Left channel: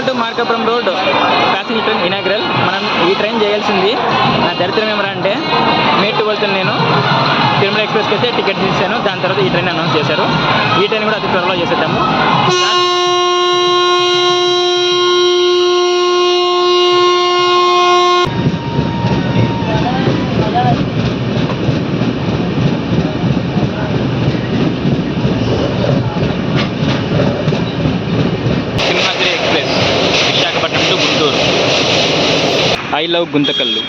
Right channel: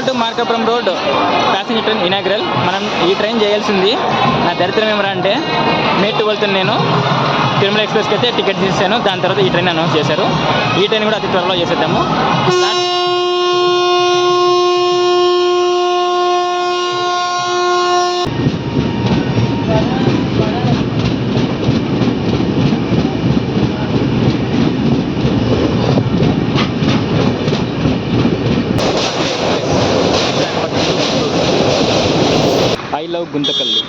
Guntakal to Markapuram road passenger train inaugural. మనం ఈ train చేయాల్సింది, నా దరిద్రం ఏమరా అంటే మే 12 నేను తిరుమల ఎక్స్ప్రెస్కి అయితే టికెట్ తీసాను. దాని తర్వాత ఈ ట్రైన్ అనౌన్స్ చేశారు. ఈ ట్రైన్ కూడా అతి త్వరలో చేసేద్దాము. I love Guntakal.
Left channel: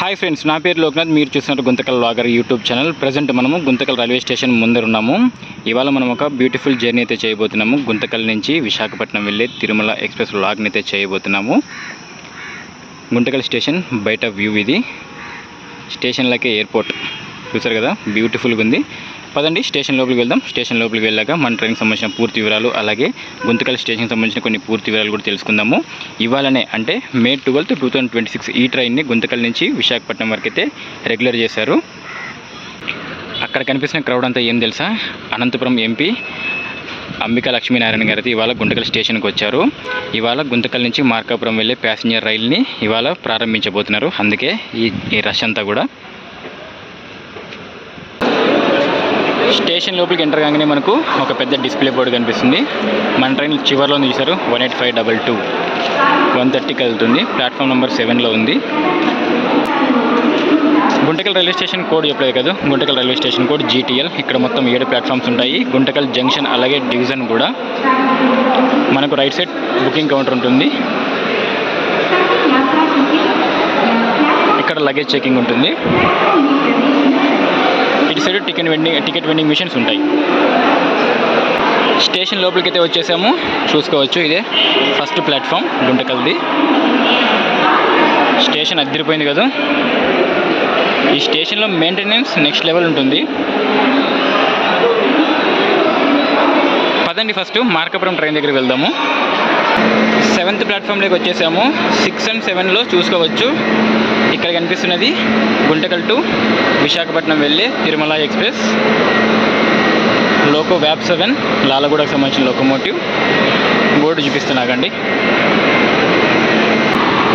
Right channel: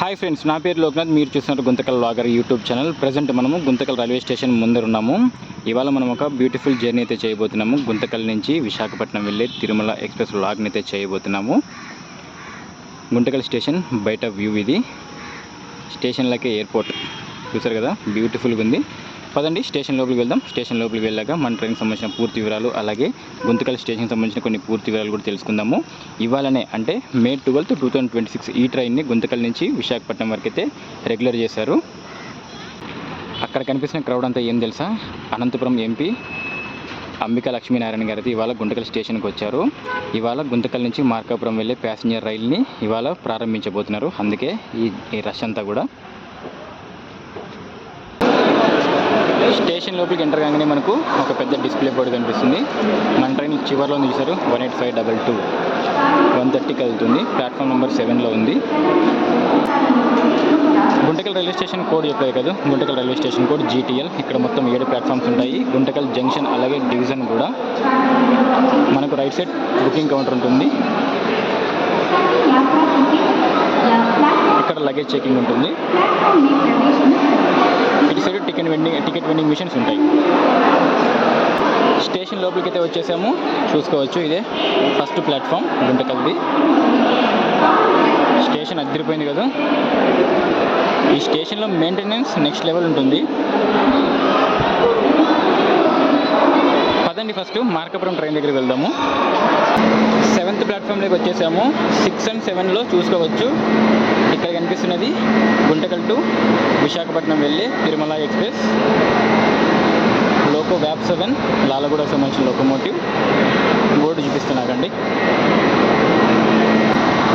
Hi friends, నా పేరు లోక్నాథ్. మీరు చూస్తున్నారు Guntakal vlogger YouTube channel. Present మనము గుంతకల్ రైల్వే స్టేషన్ ముందర ఉన్నాము. ఇవాళ మనం ఒక బ్యూటిఫుల్ జర్నీ అయితే చేయబోతున్నాము. గుంతకల్ నుంచి విశాఖపట్నం వెళ్ళే తిరుమల ఎక్స్ప్రెస్ వ్లాగ్ని అయితే చేయబోతున్నాము. గుంతకల్ స్టేషన్ బయట వ్యూ ఇది. స్టేషన్లకే ఎయిర్పోర్ట్ చూసారు కదా, బ్యూటిఫుల్గా ఉంది. పదండి స్టేషన్ లోపలికి వెళ్దాం. స్టేషన్ లోపలికి వెళ్ళాక మన ట్రైన్కి సంబంధించిన పూర్తి వివరాలు, అలాగే గుంతకల్ స్టేషన్కి సంబంధించిన కొన్ని పూర్తి వివరాలు కూడా తెలుసుకుందాము. ఇవాళనే అంటే మే 12, 2026 ఈ ట్రైన్ని గుంతకల్ నుంచి విశాఖపట్నం వరకు అయితే రెగ్యులర్ చేశారు. అక్కడ కనిపిస్తున్న క్రౌడ్ అంతా ఏం తెలుసా, అనంతపురం ఎంపీ అంబికా లక్ష్మీనారాయణ గారు అయితే ఇవాళ గుంతకల్ స్టేషన్కి వచ్చారు. ఇవాళ గుంతకల్ నుంచి మార్కాపురం వెళ్ళే ప్యాసింజర్ రైల్ని ఇవాళ ప్రారంభించబోతున్నారు. అందుకే ఈ రష్ అంతా కూడా. స్టేషన్ లోపలికి ఎంటర్ కాగానే మనకు ఒక పెద్ద డిస్ప్లే బోర్డు కనిపిస్తుంది. మన ట్రైన్ చివరిలో చూసారు 18522 130కి వెళ్తుంది. ప్లాట్ఫామ్ నెంబర్ 7లో ఉంది. గుంతకల్ రైల్వే స్టేషన్ కోడ్ చెప్పలేదు కదా, Guntakal railway station code GTL. ఇక్కడ మొత్తం 7 ప్లాట్ఫామ్స్ ఉంటాయి. గుంతకల్ జంక్షన్ అలాగే డివిజన్ కూడా. మనకు రైట్ సైడ్ బుకింగ్ కౌంటర్ ఉంటుంది. ఇక్కడ లగేజ్ చెకింగ్ ఉంటుంది. ఇటు సైడ్ టికెట్ వెండింగ్ మిషన్స్ ఉంటాయి. స్టేషన్ లోపలికి అయితే వచ్చేసాము, చూసుకోవచ్చు. ఇదే ఫస్ట్ ప్లాట్ఫామ్ గుంతకల్ది. స్టేషన్ అదిరిపోయింది కదా. ఈ స్టేషన్లో మెయింటెనెన్స్ నెక్స్ట్ లెవెల్ ఉంటుంది. పదండి ఫస్ట్ మార్కాపురం ట్రైన్ దగ్గరికి వెళ్దాము. 7th ప్లాట్ఫామ్లోకి వచ్చేసాము. 6 and 7లో చూసుకోవచ్చు. ఇక్కడ కనిపిస్తున్నది గుంతకల్ టు విశాఖపట్నం వెళ్ళే తిరుమల ఎక్స్ప్రెస్ లోకో వ్యాప్ 7 లాలగూడకు సంబంధించిన లోకోమోటివ్. బోర్డు చూపిస్తున్నాకండి.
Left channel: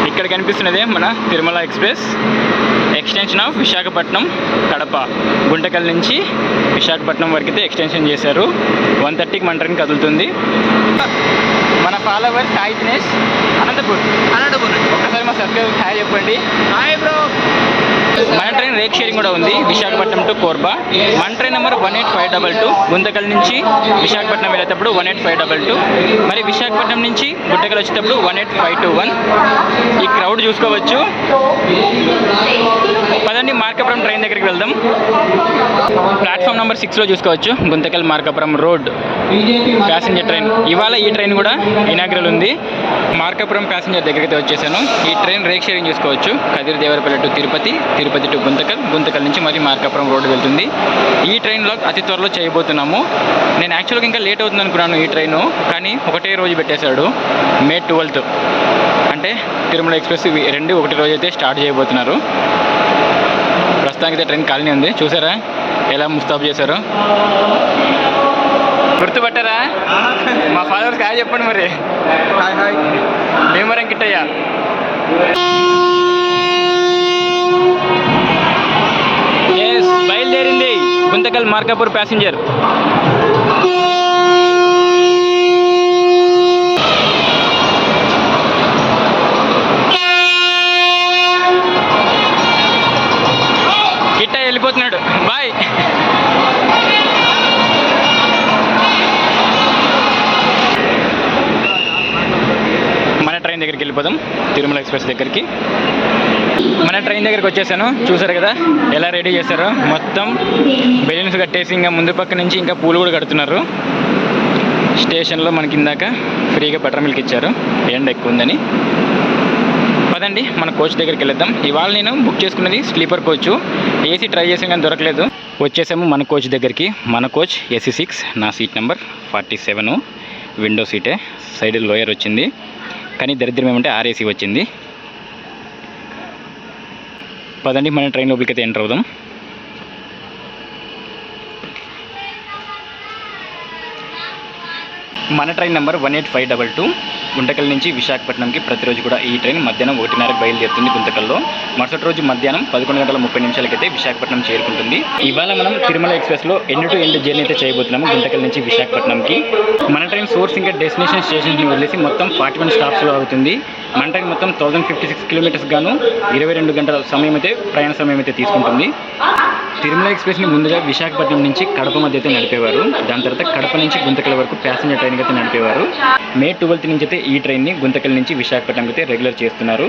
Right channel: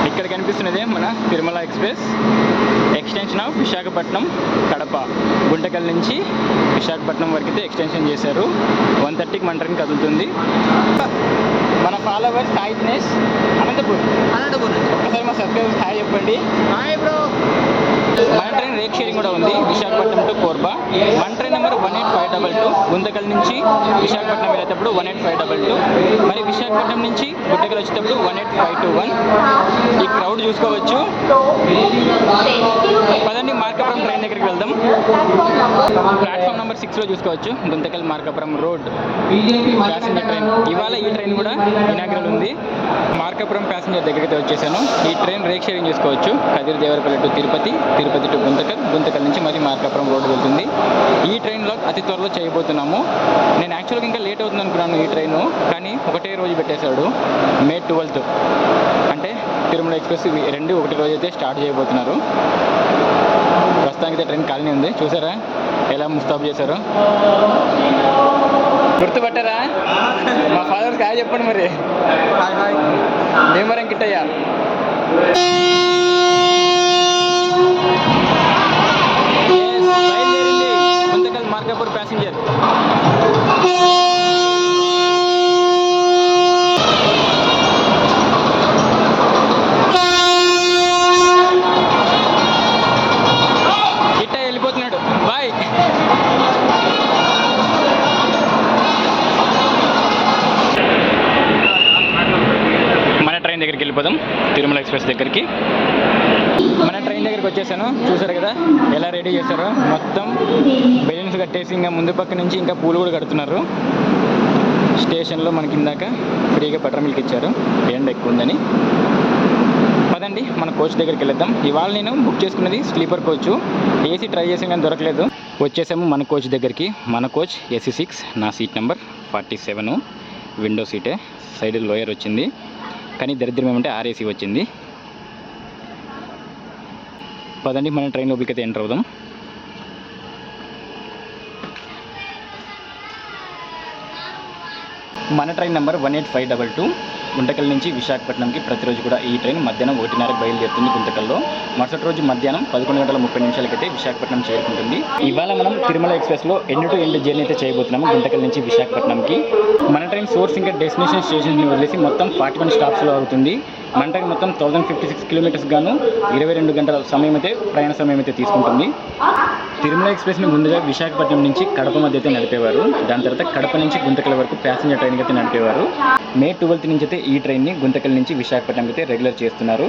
ఇక్కడ కనిపిస్తున్నదే మన Tirumala express extension of Visakhapatnam Kadapa. Guntakal నుంచి విశాఖపట్నం వరకు అయితే ఎక్స్టెన్షన్ చేశారు. 130కి మన ట్రైన్ కదులుతుంది. మన ఫాలోవర్ సాయి దినేష్ అనంతపూర్ ఒక్కసారి మా సబ్స్క్రైబర్ హాయ్ చెప్పండి. Hi bro. మన ట్రైన్ రేక్ షేరింగ్ కూడా ఉంది. విశాఖపట్నం టు కోర్బా. మన ట్రైన్ నెంబర్ 18522. గుంతకల్ నుంచి విశాఖపట్నం వెళ్ళేటప్పుడు 18522. మరి విశాఖపట్నం నుంచి గుంతకల్ వచ్చేటప్పుడు 18521. ఈ క్రౌడ్ చూసుకోవచ్చు. పదండి మార్కాపురం ట్రైన్ దగ్గరికి వెళ్దాం. ప్లాట్ఫామ్ నెంబర్ 6లో చూసుకోవచ్చు Guntakal Markapuram road passenger train. ఇవాళ ఈ ట్రైన్ కూడా ఇనాగ్రల్ ఉంది. మార్కాపురం ప్యాసింజర్ దగ్గరికి వచ్చేసాను. ఈ ట్రైన్ రేక్ షేరింగ్ చూసుకోవచ్చు. కదిరి దేవరపల్లి టు తిరుపతి, తిరుపతి టు గుంతకల్, గుంతకల్ నుంచి మరి మార్కాపురం రోడ్డు వెళ్తుంది. ఈ ట్రైన్లో అతి త్వరలో చేయబోతున్నాము. నేను యాక్చువల్గా ఇంకా లేట్ అవుతుంది అనుకున్నాను ఈ ట్రైను, కానీ ఒకటే రోజు పెట్టేశాడు. మే 12 అంటే తిరుమల ఎక్స్ప్రెస్ 2 ఒకటి రోజు అయితే స్టార్ట్ చేయబోతున్నారు. ప్రస్తుతానికి అయితే ట్రైన్ ఖాళీ ఉంది. చూసారా ఎలా ముస్తాబు చేశారు. గుర్తుపట్టారా? మా ఫాలోవర్స్ హాయ్ చెప్పండి. మరి హాయ్ హాయ్. భీమవరం కిట్టయ్యా. బయలుదేరింది గుంతకల్ మార్కాపూర్ ప్యాసింజర్. కిట్టయ్య వెళ్ళిపోతున్నాడు. బాయ్. మన ట్రైన్ దగ్గరికి వెళ్ళిపోదాం, తిరుమల ఎక్స్ప్రెస్ దగ్గరికి. మన ట్రైన్ దగ్గరికి వచ్చేసాను. చూసారు కదా ఎలా రెడీ చేశారో. మొత్తం బెలూన్స్ కట్టేసి ఇంకా ముందు పక్క నుంచి ఇంకా పూలు కూడా కడుతున్నారు. స్టేషన్లో మనకి ఇందాక ఫ్రీగా బటర్ మిల్క్ ఇచ్చారు, ఎండ ఎక్కువ ఉందని. పదండి మన కోచ్ దగ్గరికి వెళ్దాం. ఇవాళ నేను బుక్ చేసుకున్నది స్లీపర్ కోచ్. ఏసీ ట్రై చేసాం కానీ దొరకలేదు. వచ్చేసాము మన కోచ్ దగ్గరికి. మన కోచ్ AC6, నా సీట్ నెంబర్ 47. విండో సీటే, సైడ్ లోయర్ వచ్చింది. కానీ దరిద్రం ఏమంటే RAC వచ్చింది. పదండి మన ట్రైన్ లోపలికి అయితే ఎంటర్ అవుదాం. మన ట్రైన్ నెంబర్ 18522 గుంతకల్ నుంచి విశాఖపట్నంకి ప్రతిరోజు కూడా ఈ ట్రైన్ మధ్యాహ్నం 1:30కి బయలుదేరుతుంది గుంతకల్లో. మరుసటి రోజు మధ్యాహ్నం 11:30 అయితే విశాఖపట్నం చేరుకుంటుంది. ఇవాళ మనం తిరుమల ఎక్స్ప్రెస్లో ఎండ్ టు ఎండ్ జర్నీ అయితే చేయబోతున్నాము గుంతకల్ నుంచి విశాఖపట్నంకి. మన ట్రైన్ సోర్స్ ఇంకా డెస్టినేషన్ స్టేషన్స్ని వదిలేసి మొత్తం 41 స్టాప్స్లో అవుతుంది. మన ట్రైన్ మొత్తం 1056 కిలోమీటర్స్ గాను 22 గంటల సమయం అయితే ప్రయాణ సమయం అయితే తీసుకుంటుంది. తిరుమల ఎక్స్ప్రెస్ని ముందుగా విశాఖపట్నం నుంచి కడప మధ్య అయితే నడిపేవారు. దాని తర్వాత కడప నుంచి గుంతకల్ వరకు ప్యాసింజర్ ట్రైన్ అయితే నడిపేవారు. మే 12 నుంచి అయితే ఈ ట్రైన్ని గుంతకల్ నుంచి విశాఖపట్నంకి అయితే రెగ్యులర్ చేస్తున్నారు.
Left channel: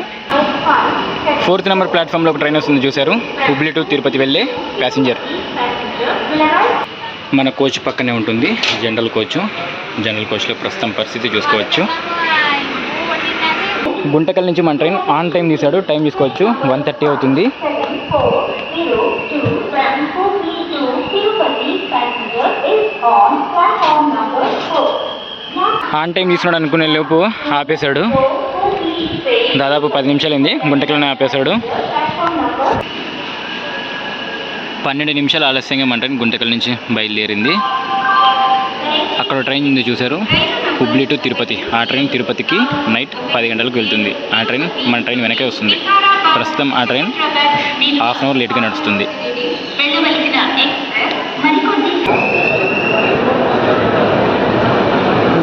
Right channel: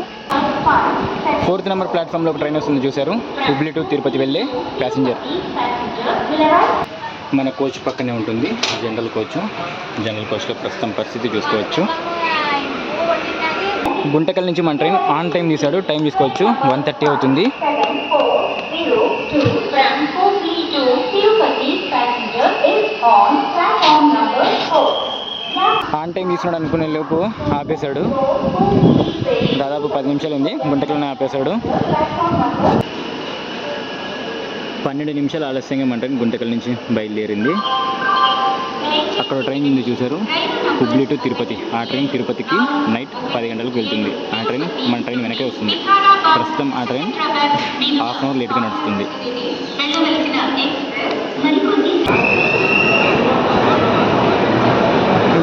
4th నెంబర్ ప్లాట్ఫామ్లో ఒక ట్రైన్ వస్తుంది చూశారు, హుబ్లీ టు తిరుపతి వెళ్ళే ప్యాసింజర్. మన కోచ్ పక్కనే ఉంటుంది జనరల్ కోచ్. జనరల్ కోచ్లో ప్రస్తుతం పరిస్థితి చూసుకోవచ్చు. గుంతకల్ నుంచి మన ట్రైన్ ఆన్ టైం తీశాడు, టైం తీసుకోవచ్చు 1:30 అవుతుంది. ఆన్ టైం తీసుకున్నాడు అనుకునే లోపు ఆపేశాడు. దాదాపు 10 నిమిషాలైంది గుంతకల్లోనే ఆపేశాడు. 12 నిమిషాలు ఆలస్యంగా మన ట్రైన్ గుంతకల్ నుంచి బయలుదేరింది. అక్కడ ట్రైన్ ఉంది చూశారు, హుబ్లీ టు తిరుపతి. ఆ ట్రైన్ తిరుపతికి నైట్ 10 గంటలకు వెళ్తుంది. ఆ ట్రైన్ మన ట్రైన్ వెనకే వస్తుంది. ప్రస్తుతం ఆ ట్రైన్ హాఫ్ అన్ అవర్ లేట్గా నడుస్తుంది.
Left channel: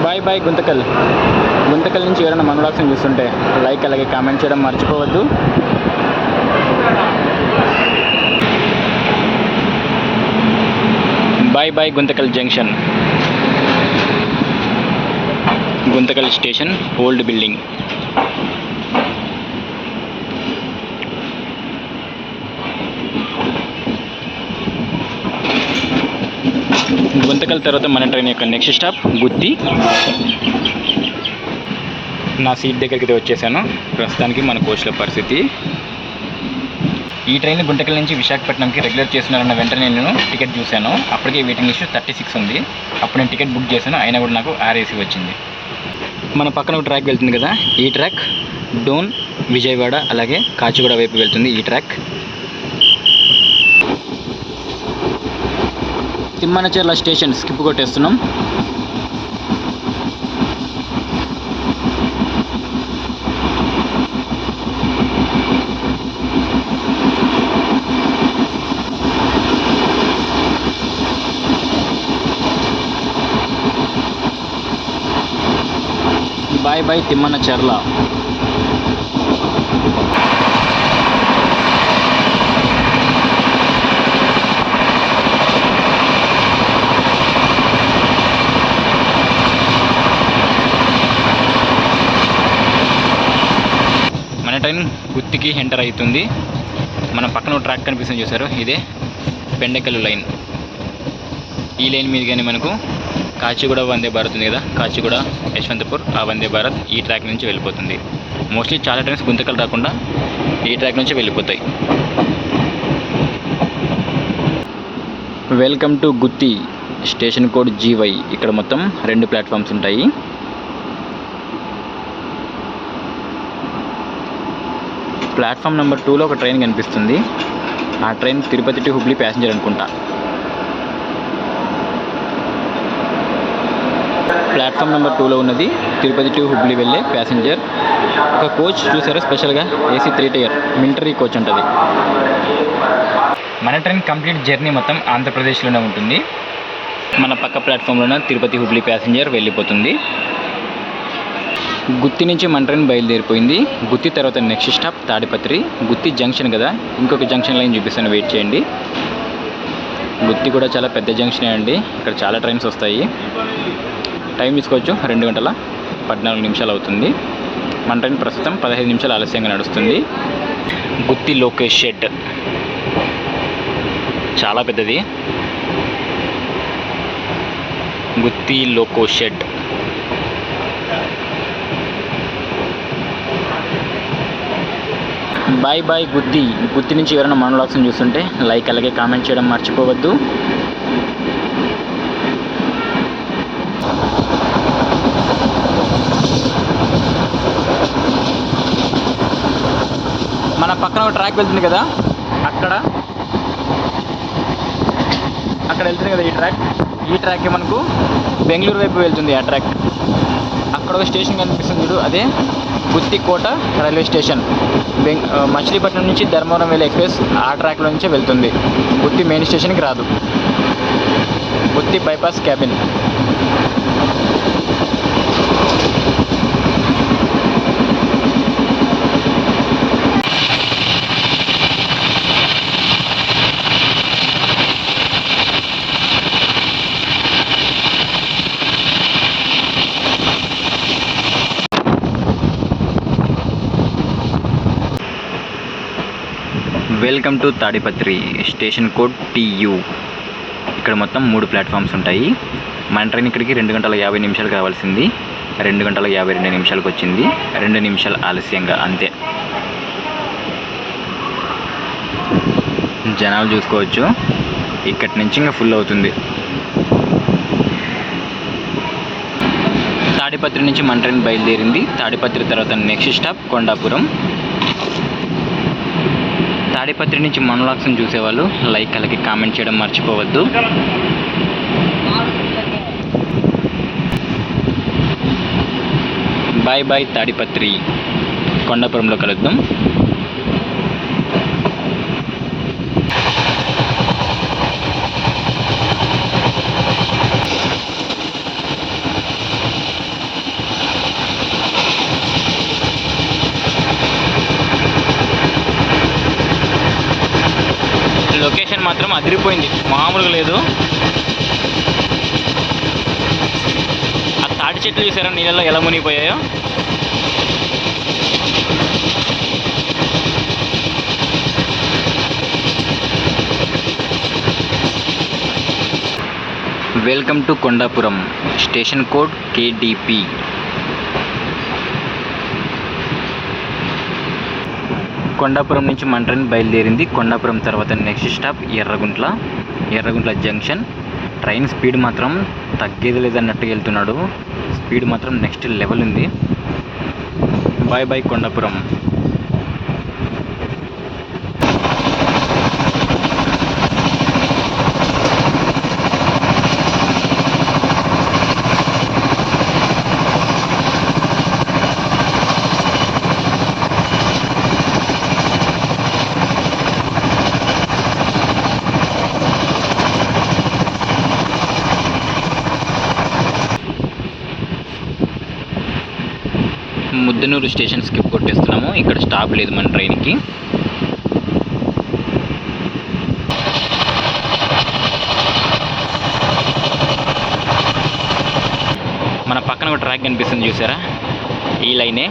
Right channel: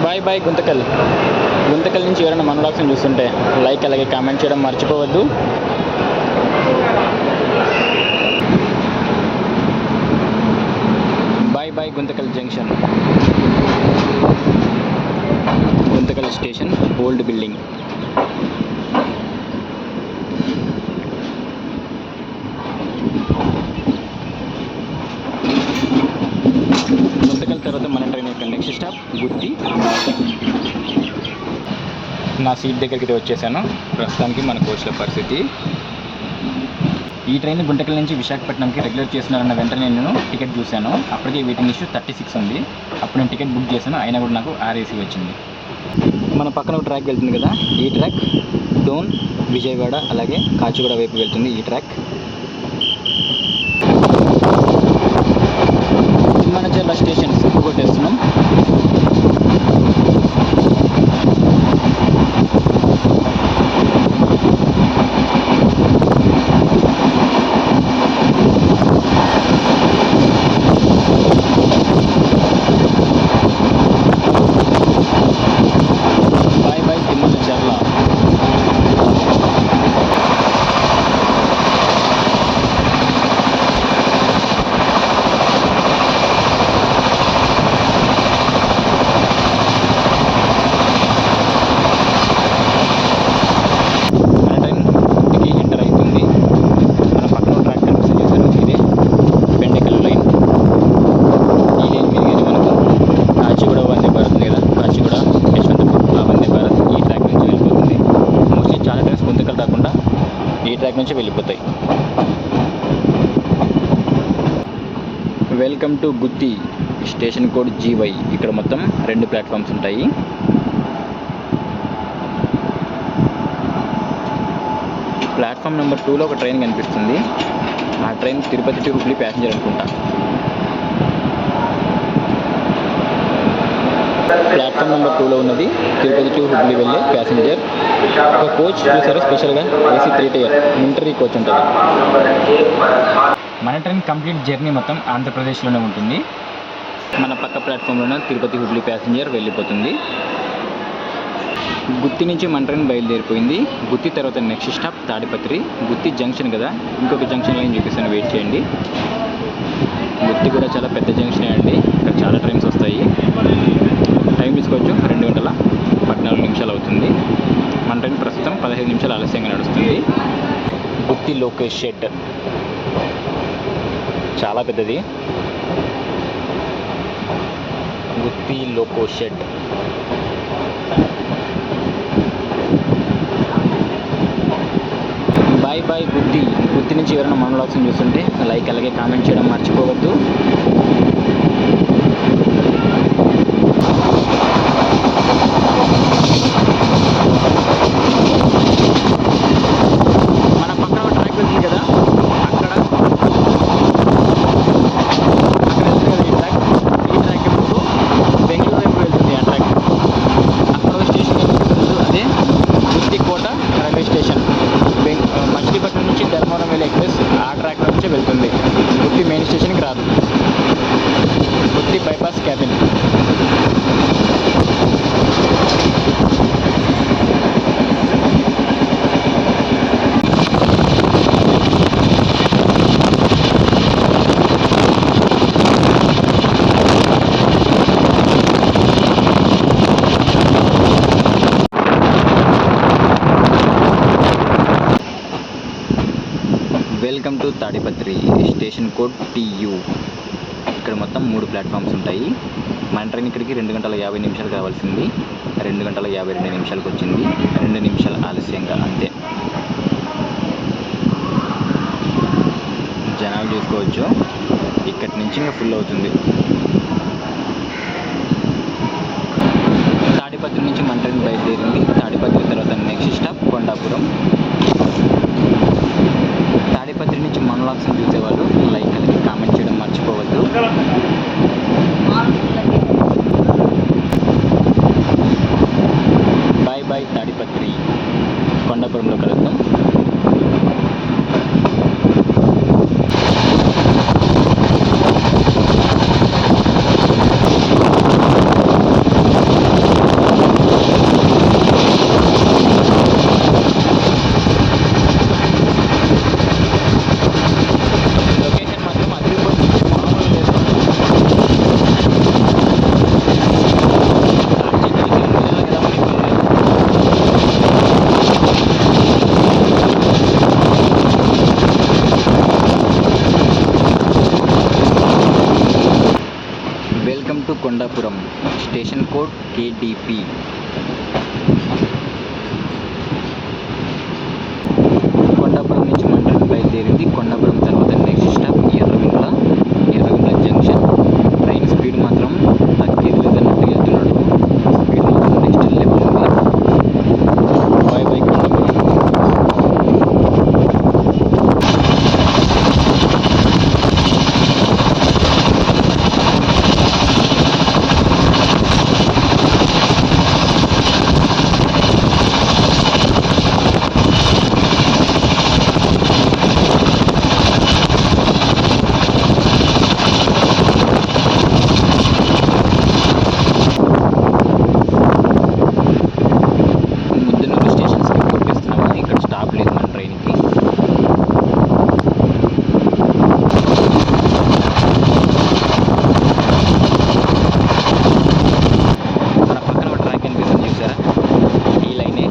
Bye bye Guntakal. గుంతకల్ నుంచి ఎవరైనా మన వ్లాగ్స్ని చూస్తుంటే లైక్ అలాగే కామెంట్ చేయడం మర్చిపోవద్దు. Bye bye Guntakal junction. Guntakal station old building. Guntakal తర్వాత మన ట్రైన్ యొక్క నెక్స్ట్ స్టాప్ గుత్తి. నా సీట్ దగ్గరికి అయితే వచ్చేసాను. ప్రస్తుతానికి మన కోచ్ల పరిస్థితి. ఈ ట్రైన్ గుంతకల్ నుంచి విశాఖపట్నంకి రెగ్యులర్ చేస్తున్నారన్న వెంటనే నేను టికెట్ చూశాను. అప్పటికే వెయిటింగ్ లిస్ట్ 36 ఉంది. అప్పుడు నేను టికెట్ బుక్ చేశాను, అయినా కూడా నాకు RAC వచ్చింది. మన పక్కన ఒక ట్రాక్ వెళ్తుంది కదా, ఈ ట్రాక్ డోన్, విజయవాడ అలాగే కాచిగూడ వైపు వెళ్తుంది. ఈ ట్రాక్ తిమ్మనచెర్ల స్టేషన్ స్కిప్ కొట్టేస్తున్నాం. Bye bye Thimmanacherla. ఎంటర్ అవుతుంది. మన పక్కన ట్రాక్ కనిపిస్తుంది చూసారు, ఇదే బెండకల్ లైన్. ఈ లైన్ మీద కానీ మనకు కాచిగూడ వందే భారత్ ఉంది కదా, కాచిగూడ యశ్వంతపూర్ ఆ వందే భారత్ ఈ ట్రాక్ నుంచి వెళ్ళిపోతుంది. మోస్ట్లీ చాలా ట్రైన్స్ గుంతకల్ రాకుండా ఈ ట్రాక్ నుంచి వెళ్ళిపోతాయి. Welcome to Gooty. Station code GY. ఇక్కడ మొత్తం 2 ప్లాట్ఫామ్స్ ఉంటాయి. ప్లాట్ఫామ్ నెంబర్ 2లో ఒక ట్రైన్ కనిపిస్తుంది. ఆ train Tirupati to Hubli passenger అనుకుంటా. ప్లాట్ఫామ్ నెంబర్ 2లో ఉన్నది తిరుపతి టు హుబ్లీ వెళ్ళే ప్యాసింజర్. ఒక కోచ్ చూసారు స్పెషల్గా AC 3 టైర్ మిలిటరీ కోచ్ ఉంటుంది. మన ట్రైన్ కంప్లీట్ జర్నీ మొత్తం ఆంధ్రప్రదేశ్లోనే ఉంటుంది. మన పక్క ప్లాట్ఫామ్లోనే తిరుపతి హుబ్లీ ప్యాసింజర్ వెళ్ళిపోతుంది. గుత్తి నుంచి మన ట్రైన్ బయలుదేరిపోయింది. గుత్తి తర్వాత నెక్స్ట్ స్టాప్ తాడిపత్రి. గుత్తి జంక్షన్ కదా, ఇంకొక జంక్షన్ లైన్ చూపిస్తాను, వెయిట్ చేయండి. గుత్తి కూడా చాలా పెద్ద జంక్షనే అండి, ఇక్కడ చాలా ట్రైన్స్ వస్తాయి. టైం తీసుకోవచ్చు 2:14 అవుతుంది. మన ట్రైన్ ప్రస్తుతం 15 నిమిషాలు ఆలస్యంగా నడుస్తుంది. గుత్తి లోకేష్ షెడ్ చాలా పెద్దది. గుత్తి లోకో షెడ్. బాయ్ బాయ్ గుత్తి. గుత్తి నుంచి ఎవరైనా మన వ్లాగ్స్ని చూస్తుంటే లైక్ అలాగే కామెంట్ చేయడం మర్చిపోవద్దు. మన పక్కన ఒక ట్రాక్ వెళ్తుంది కదా, అక్కడ వెళ్తుంది కదా ఈ ట్రాక్. ఈ ట్రాక్ మనకు బెంగళూరు వైపు వెళ్తుంది. ఆ ట్రాక్ ఒక స్టేషన్ కనిపిస్తుంది చూడు, అదే గుత్తికోట రైల్వే స్టేషన్. మచిలీపట్నం నుంచి ధర్మవరం వెళ్ళే ఎక్స్ప్రెస్ ఆ ట్రాక్లో నుంచే వెళ్తుంది. గుత్తి మెయిన్ స్టేషన్కి రాదు. Gutti bypass cabin. Welcome to Tadipatri. Station code TU. ఇక్కడ మొత్తం 3 ప్లాట్ఫామ్స్ ఉంటాయి. మన ట్రైన్ ఇక్కడికి 2 గంటల 50 నిమిషాలకు రావాల్సింది 2 గంటల 52 నిమిషాలకు వచ్చింది. 2 నిమిషాలు ఆలస్యంగా, అంతే. జనాలు చూసుకోవచ్చు, ఇక్కడి నుంచి ఇంకా ఫుల్ అవుతుంది. తాడిపత్రి నుంచి మన ట్రైన్ బయలుదేరింది. తాడిపత్రి తర్వాత నెక్స్ట్ స్టాప్ కొండాపురం. తాడిపత్రి నుంచి మన వ్లాగ్స్ని చూసేవాళ్ళు లైక్ అలాగే కామెంట్ చేయడం మర్చిపోవద్దు. Bye bye Tadipatri. కొండాపురంలో కలుద్దాం. లొకేషన్ మాత్రం అదిరిపోయింది, మామూలుగా లేదు. ఆ తాటి చెట్లు చూసారా నీళ్ళలో ఎలా మునిగిపోయాయో. Welcome to Kondapuram. Station code KDP. Kondapuram నుంచి మన ట్రైన్ బయలుదేరింది. కొండాపురం తర్వాత next stop Erraguntla. Erraguntla junction. Train speed మాత్రం తగ్గేది లేదన్నట్టుగా వెళ్తున్నాడు. స్పీడ్ మాత్రం నెక్స్ట్ లెవెల్ ఉంది. Bye bye Kondapuram. Muddanur station skip కొట్టేస్తున్నాము. ఇక్కడ స్టాప్ లేదు మన ట్రైన్కి. మన పక్కన ఒక ట్రాక్ కనిపిస్తుంది చూసారా, ఈ లైనే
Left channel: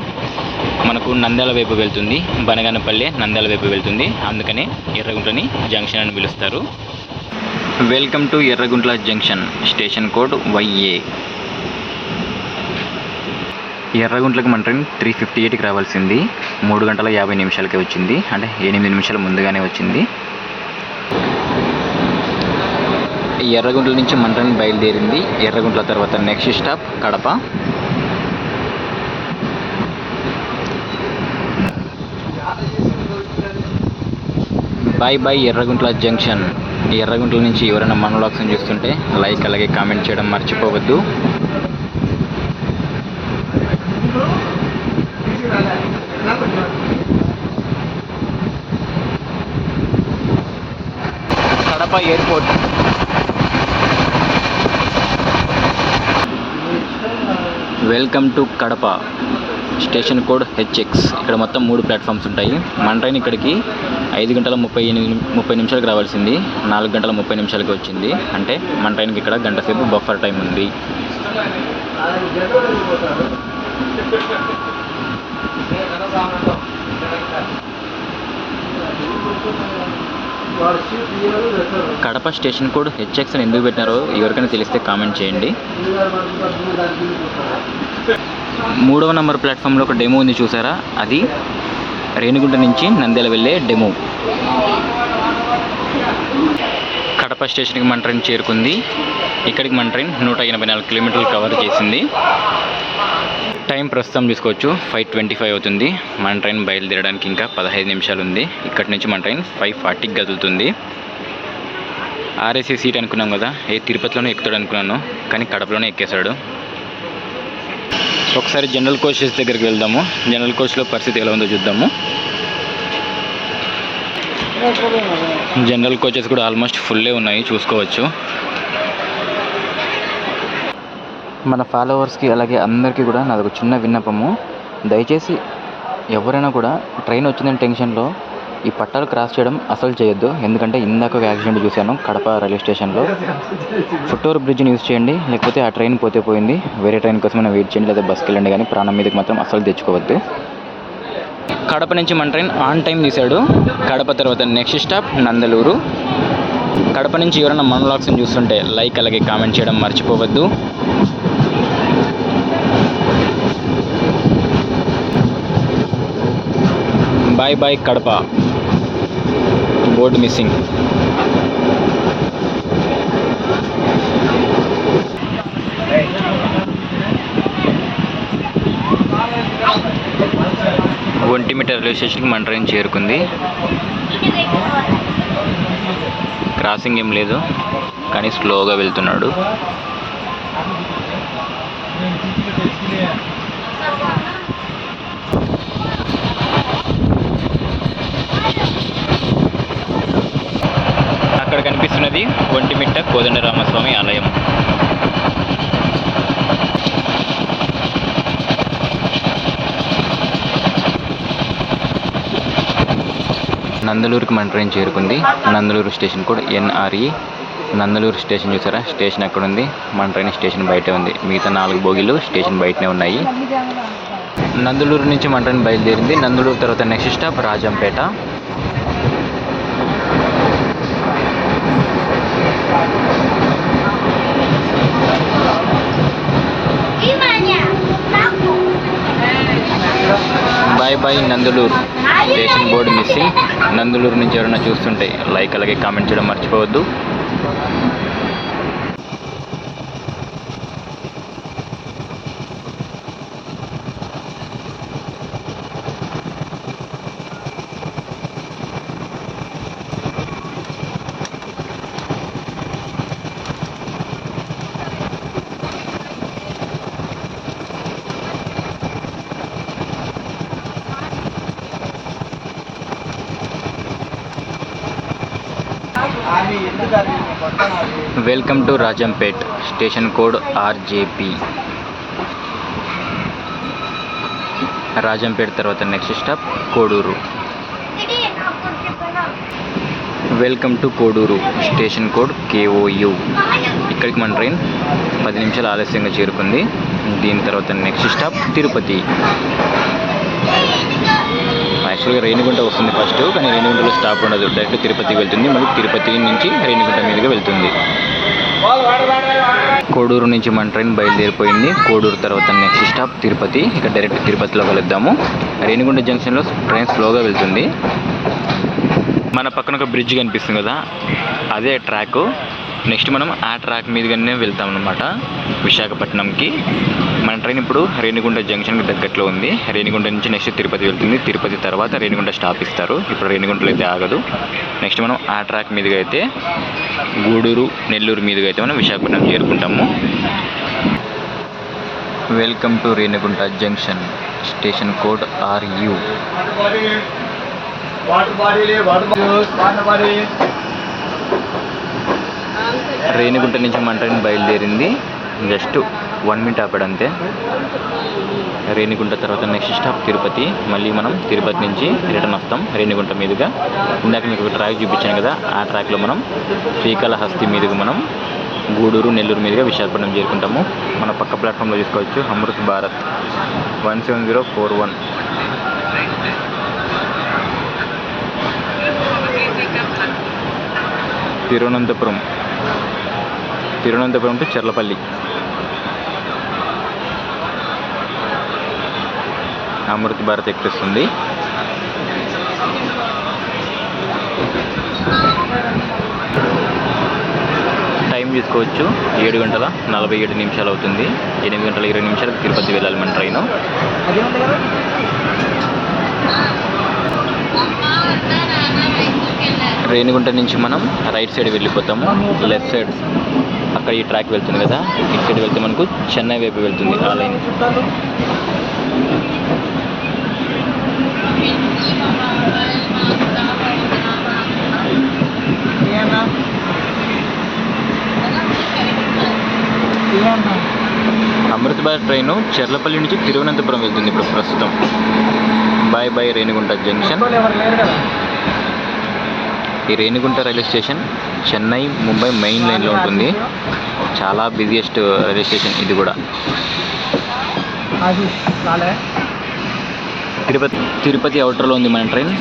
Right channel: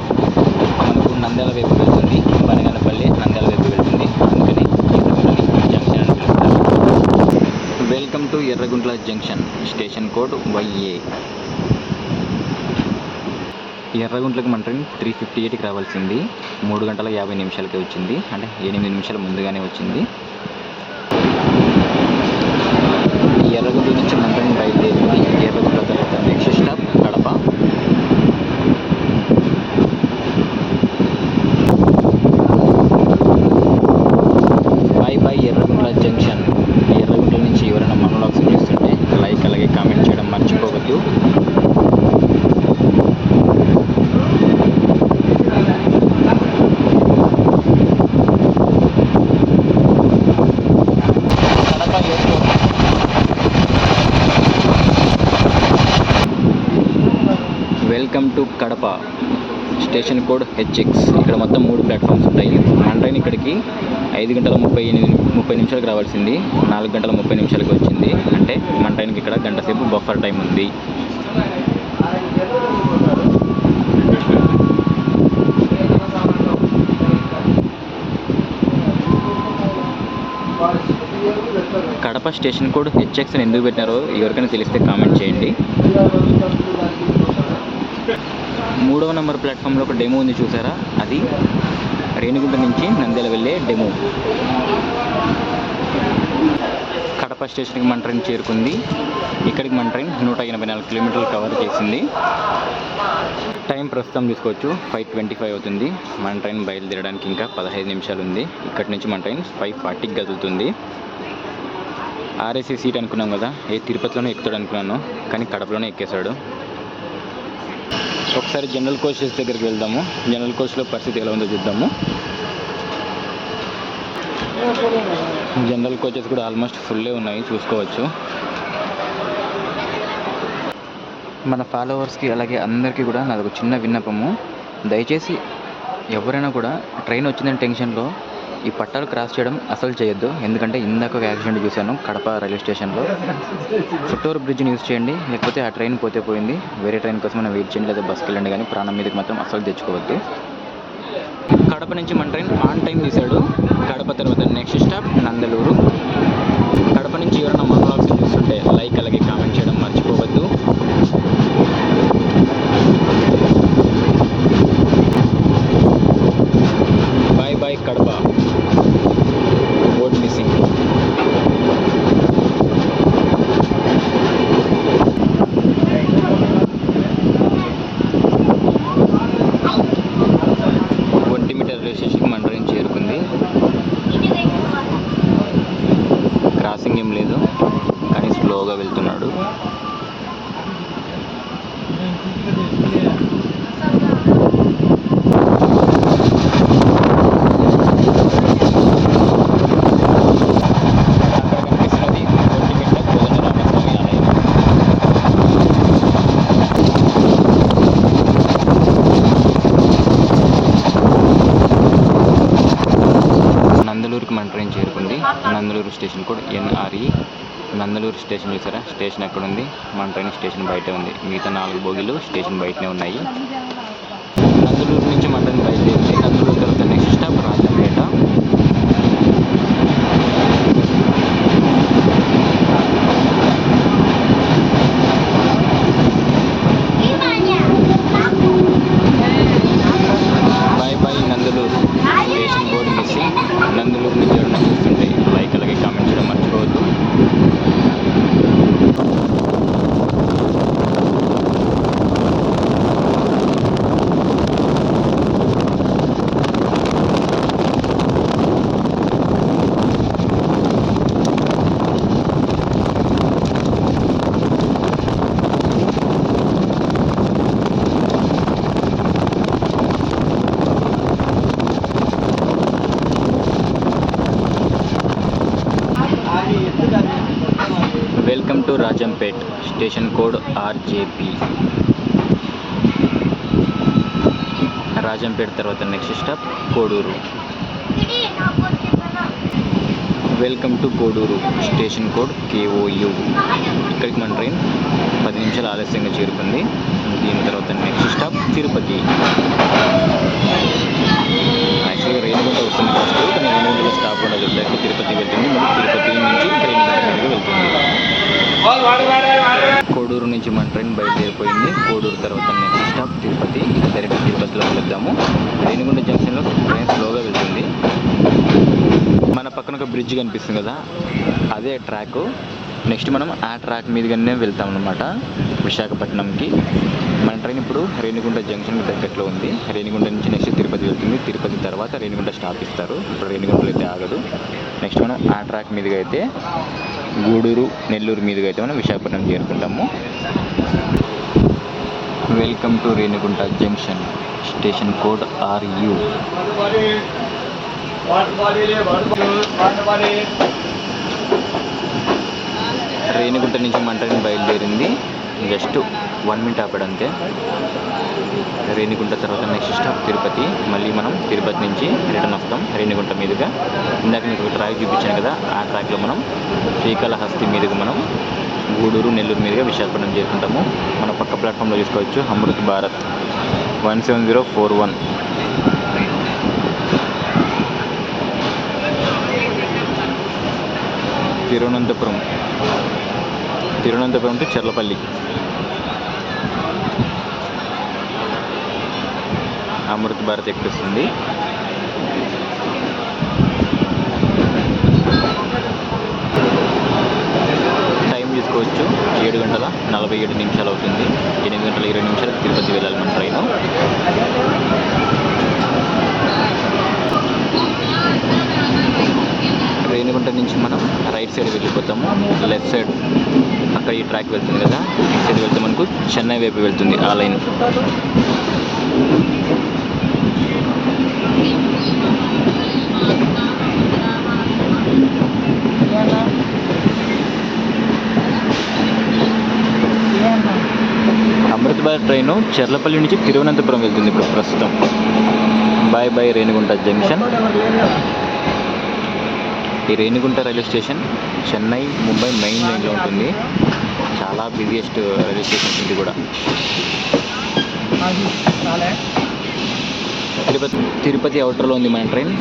మనకు నంద్యాల వైపు వెళ్తుంది. బనగానపల్లి నంద్యాల వైపు వెళ్తుంది. అందుకని ఎర్రగుంట్లని జంక్షన్ అని పిలుస్తారు. Welcome to Yerraguntla junction. Station code YA. ఎర్రగుంట్లకు మన ట్రైన్ 3:58కి రావాల్సింది 3 గంటల 50 నిమిషాలకే వచ్చింది. అంటే 8 నిమిషాల ముందుగానే వచ్చింది. ఎర్రగుంట్ల నుంచి మన ట్రైన్ బయలుదేరింది. ఎర్రగుంట్ల తర్వాత next stop Kadapa. Bye bye Yerraguntla junction. Yerraguntla నుంచి ఎవరైనా మన వ్లాగ్స్ని చూస్తుంటే లైక్ అలాగే కామెంట్ చేయడం మర్చిపోవద్దు. Kadapa airport. Welcome to Kadapa. Station code HX. ఇక్కడ మొత్తం 3 ప్లాట్ఫామ్స్ ఉంటాయి. మన ట్రైన్ ఇక్కడికి 5 గంటల 30 నిమిషాలకు రావాల్సింది 4 గంటల 30 నిమిషాలకి వచ్చింది. అంటే మన ట్రైన్కి ఇక్కడ గంట సేపు బఫర్ టైం ఉంది. కడప స్టేషన్ కోడ్ HX అని ఎందుకు పెట్టినారో ఎవరికైనా తెలిస్తే కామెంట్ చేయండి. 3వ నెంబర్ ప్లాట్ఫామ్లో ఒక డెమో ఉంది చూసారా, అది రేణిగుంట నుంచి నంద్యాల వెళ్ళే డెమో. కడప స్టేషన్కి మన ట్రైన్ చేరుకుంది. ఇక్కడికి మన ట్రైన్ 184 కిలోమీటర్లు కవర్ చేసింది. టైం ప్రస్తుతం చూసుకోవచ్చు 5:25 అవుతుంది. మన ట్రైన్ బయలుదేరడానికి ఇంకా 15 నిమిషాలు ఉంది. ఇక్కడి నుంచి మన ట్రైన్ 5:40కి కదులుతుంది. RAC సీట్ అనుకున్నాం కదా, తిరుపతిలోనే ఎక్కుతాడు అనుకున్నాను, కానీ కడపలోనే ఎక్కేశాడు. ఒకసారి జనరల్ కోచెస్ దగ్గరికి వెళ్దాము. జనరల్ కోచ్లో పరిస్థితి ఎలా ఉందో చూద్దాము. జనరల్ కోచెస్ కూడా ఆల్మోస్ట్ ఫుల్లే ఉన్నాయి, చూసుకోవచ్చు. మన ఫాలోవర్స్కి అలాగే అందరికీ కూడా నాదొక చిన్న విన్నపము. దయచేసి ఎవరైనా కూడా ట్రైన్ వచ్చిందని టెన్షన్లో ఈ పట్టాలు క్రాస్ చేయడం అసలు చేయొద్దు. ఎందుకంటే ఇందాక ఒక యాక్సిడెంట్ చూశాను కడప రైల్వే స్టేషన్లో. ఫుట్ఓవర్ బ్రిడ్జ్ని యూజ్ చేయండి, లేకపోతే ఆ ట్రైన్ పోతే పోయింది, వేరే ట్రైన్ కోసం మనం వెయిట్ చేయండి, లేదా బస్కి వెళ్ళండి, కానీ ప్రాణం మీదకి మాత్రం అసలు తెచ్చుకోవద్దు. కడప నుంచి మన ట్రైన్ ఆన్ టైం తీశాడు. కడప తర్వాత నెక్స్ట్ స్టాప్ నందలూరు. కడప నుంచి ఎవరైనా మన వ్లాగ్స్ని చూస్తుంటే లైక్ అలాగే కామెంట్ చేయడం మర్చిపోవద్దు. Bye bye Kadapa. Board missing. Ontimitta railway స్టేషన్కి మన ట్రైన్ చేరుకుంది. క్రాసింగ్ ఏం లేదు, కానీ స్లోగా వెళ్తున్నాడు. అక్కడ కనిపిస్తున్నది ఒంటిమిట్ట కోదండరామస్వామి ఆలయం. నందలూరుకి మన ట్రైన్ చేరుకుంది. నందలూరు స్టేషన్ కూడా NRE. నందలూరు స్టేషన్ చూసారా, స్టేషన్ ఎక్కడ ఉంది? మన ట్రైన్ స్టేషన్ బయటే ఉంది. మిగతా 4 బోగీలు స్టేషన్ బయటనే ఉన్నాయి. నందలూరు నుంచి మన ట్రైన్ బయలుదేరింది. నందలూరు తర్వాత next stop Rajampet. Bye bye Nandalur. Station board missing. Nandalur నుంచి ఎవరైనా చూస్తుంటే లైక్ అలాగే కామెంట్ చేయడం మర్చిపోవద్దు. Welcome to Rajampet. Station code RJP. Rajampet తర్వాత next stop Koduru. Welcome to Koduru. Station code KOU. ఇక్కడికి మన ట్రైన్ 10 నిమిషాలు ఆలస్యంగా చేరుకుంది. దీని తర్వాత నెక్స్ట్ స్టాప్ తిరుపతి. యాక్చువల్గా రేణిగుంట వస్తుంది ఫస్ట్, కానీ రేణిగుంటలో స్టాప్ ఉండదు, డైరెక్ట్ తిరుపతికి వెళ్తుంది. మళ్ళీ తిరుపతి నుంచి రేణిగుంట మీదుగా వెళ్తుంది. కోడూరు నుంచి మన ట్రైన్ బయలుదేరిపోయింది. కోడూరు తర్వాత నెక్స్ట్ స్టాప్ తిరుపతి. ఇక డైరెక్ట్ తిరుపతిలో వెళ్దాము. రేణిగుంట జంక్షన్లో ట్రైన్ స్లోగా వెళ్తుంది. మన పక్కన ఒక బ్రిడ్జ్ కనిపిస్తుంది కదా, అదే ట్రాక్. నెక్స్ట్ మనం ఆ ట్రాక్ మీదుగానే వెళ్తాం అన్నమాట విశాఖపట్నంకి. మన ట్రైన్ ఇప్పుడు రేణిగుంట జంక్షన్కి దగ్గరలో ఉంది. రేణిగుంట నుంచి నెక్స్ట్ తిరుపతి వెళ్తుంది. తిరుపతి తర్వాత రేణిగుంట స్టాప్ ఇస్తారు. ఇప్పుడు రేణిగుంటలో అయితే ఆగదు. నెక్స్ట్ మనం ఆ ట్రాక్ మీదుగా అయితే గూడూరు నెల్లూరు మీదుగా అయితే మనం విశాఖపట్నం చేరుకుంటాము. Welcome to Renigunta junction. Station code RU. Renigunta నుంచి మన ట్రైన్ బయలుదేరింది. జస్ట్ 1 మినిట్ ఆపాడు అంతే. రేణిగుంట తర్వాత నెక్స్ట్ స్టాప్ తిరుపతి. మళ్ళీ మనం తిరుపతి నుంచి రిటర్న్ వస్తాం రేణిగుంట మీదుగా. ఇందాక మీకు ఒక ట్రాక్ చూపించాను కదా, ఆ ట్రాక్లో మనం శ్రీకాళహస్తి మీదుగా మనం గూడూరు నెల్లూరు మీదుగా విశాఖపట్నం చేరుకుంటాము. మన పక్క ప్లాట్ఫామ్లో చూసుకోవచ్చు అమృత్ భారత్ 17041. తిరువనంతపురం టు చెర్లపల్లి. అమృత్ భారత్ ఎక్స్ప్రెస్ ఉంది. టైం చూసుకోవచ్చు 7:47 అవుతుంది. 8:20 తిరుపతి వెళ్ళాలి మన ట్రైను. రేణిగుంట నుంచి మనం రైట్ సైడ్ వెళ్ళిపోతాము. లెఫ్ట్ సైడ్ అక్కడ ఈ ట్రాక్ వెళ్తుంది కదా, ఇటు సైడ్ వెళ్తే మనకు చెన్నై వైపు వెళ్తుంది ఆ లైన్. అమృత్ భారత్ ట్రైన్ చెర్లపల్లి నుంచి తిరువనంతపురం వెళ్తుంది ఇప్పుడు ప్రస్తుతం. Bye bye Renigunta junction. ఈ Renigunta railway station Chennai Mumbai main లైన్లో ఉంటుంది. చాలా బిజియెస్ట్ రైల్వే స్టేషన్ ఇది కూడా. తిరుపతి అవుటర్లో ఉంది మన ట్రైన్.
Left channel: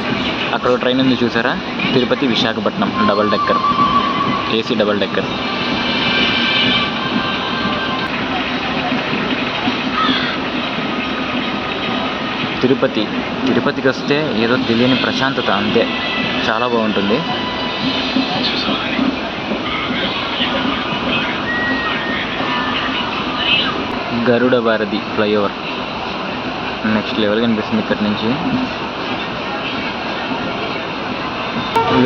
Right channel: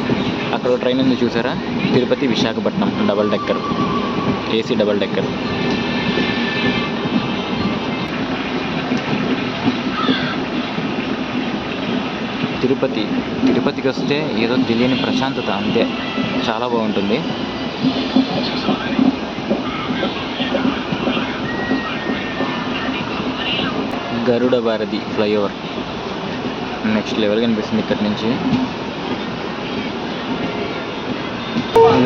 అక్కడ ట్రైన్ ఉంది చూసారా, Tirupati Visakhapatnam double decker, AC double decker. తిరుపతికి వస్తే ఏదో తెలియని ప్రశాంతత, అంతే. చాలా బాగుంటుంది. గరుడ భారతి ఫ్లైఓవర్ నెక్స్ట్ లెవెల్ కనిపిస్తుంది ఇక్కడ నుంచి.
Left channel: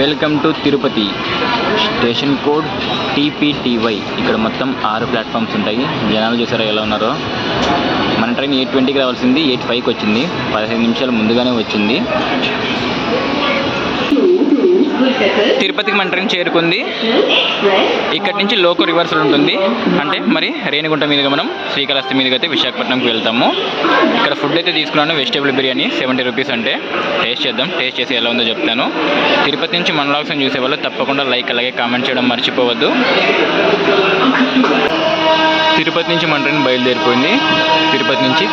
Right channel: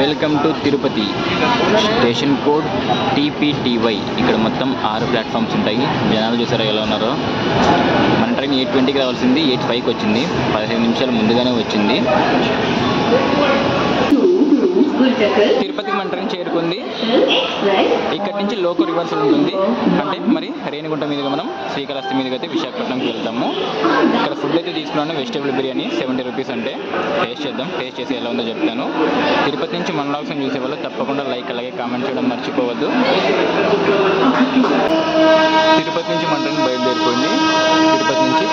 Welcome to Tirupati. Station code TPTY. ఇక్కడ మొత్తం 6 ప్లాట్ఫామ్స్ ఉంటాయి. జనాలు చూసారా ఎలా ఉన్నారో. మన ట్రైన్ 8:20కి రావాల్సింది 8:05కి వచ్చింది. 15 నిమిషాలు ముందుగానే వచ్చింది. తిరుపతికి మన ట్రైన్ చేరుకుంది. ఇక్కడి నుంచి లోకో రివర్సల్ ఉంటుంది. అంటే మరి రేణిగుంట మీదుగా మనం శ్రీకాళహస్తి మీదుగా అయితే విశాఖపట్నంకి వెళ్తాము. ఇక్కడ ఫుడ్ అయితే తీసుకున్నాను, వెజిటేబుల్ బిర్యానీ 70 రూపీస్. అంటే టేస్ట్ చేద్దాం. టేస్ట్ చేసి ఎలా ఉందో చెప్తాను. తిరుపతి నుంచి మన వ్లాగ్స్ చూసేవాళ్ళు తప్పకుండా లైక్ అలాగే కామెంట్ చేయడం మర్చిపోవద్దు. తిరుపతి నుంచి మన ట్రైన్ బయలుదేరిపోయింది. తిరుపతి నుంచి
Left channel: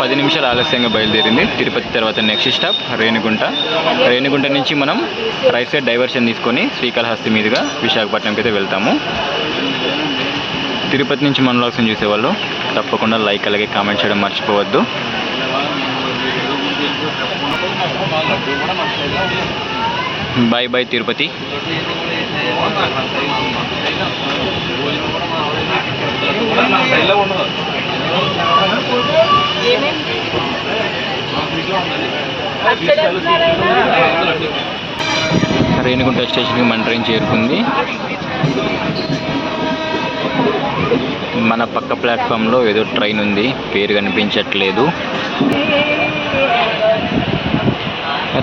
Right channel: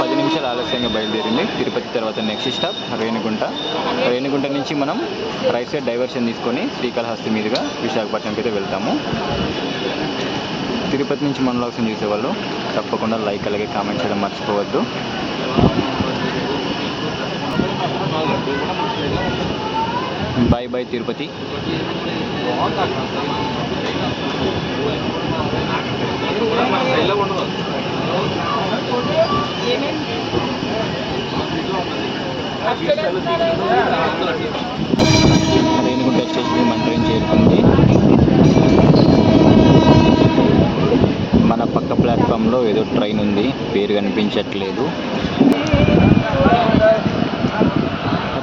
10 నిమిషాలు ఆలస్యంగా బయలుదేరింది. తిరుపతి తర్వాత నెక్స్ట్ స్టాప్ రేణిగుంట. రేణిగుంట నుంచి మనం రైట్ సైడ్ డైవర్షన్ తీసుకొని శ్రీకాళహస్తి మీదుగా విశాఖపట్నంకి అయితే వెళ్తాము. తిరుపతి నుంచి మన వ్లాగ్స్ చూసేవాళ్ళు తప్పకుండా లైక్ అలాగే కామెంట్ చేయడం మర్చిపోవద్దు. Bye bye Tirupati. రేణిగుంట స్టేషన్కి మన ట్రైన్ చేరుకుంది. మన పక్క ప్లాట్ఫామ్లో ఏదో ట్రైన్ ఉంది, పేరు కనిపించట్లేదు.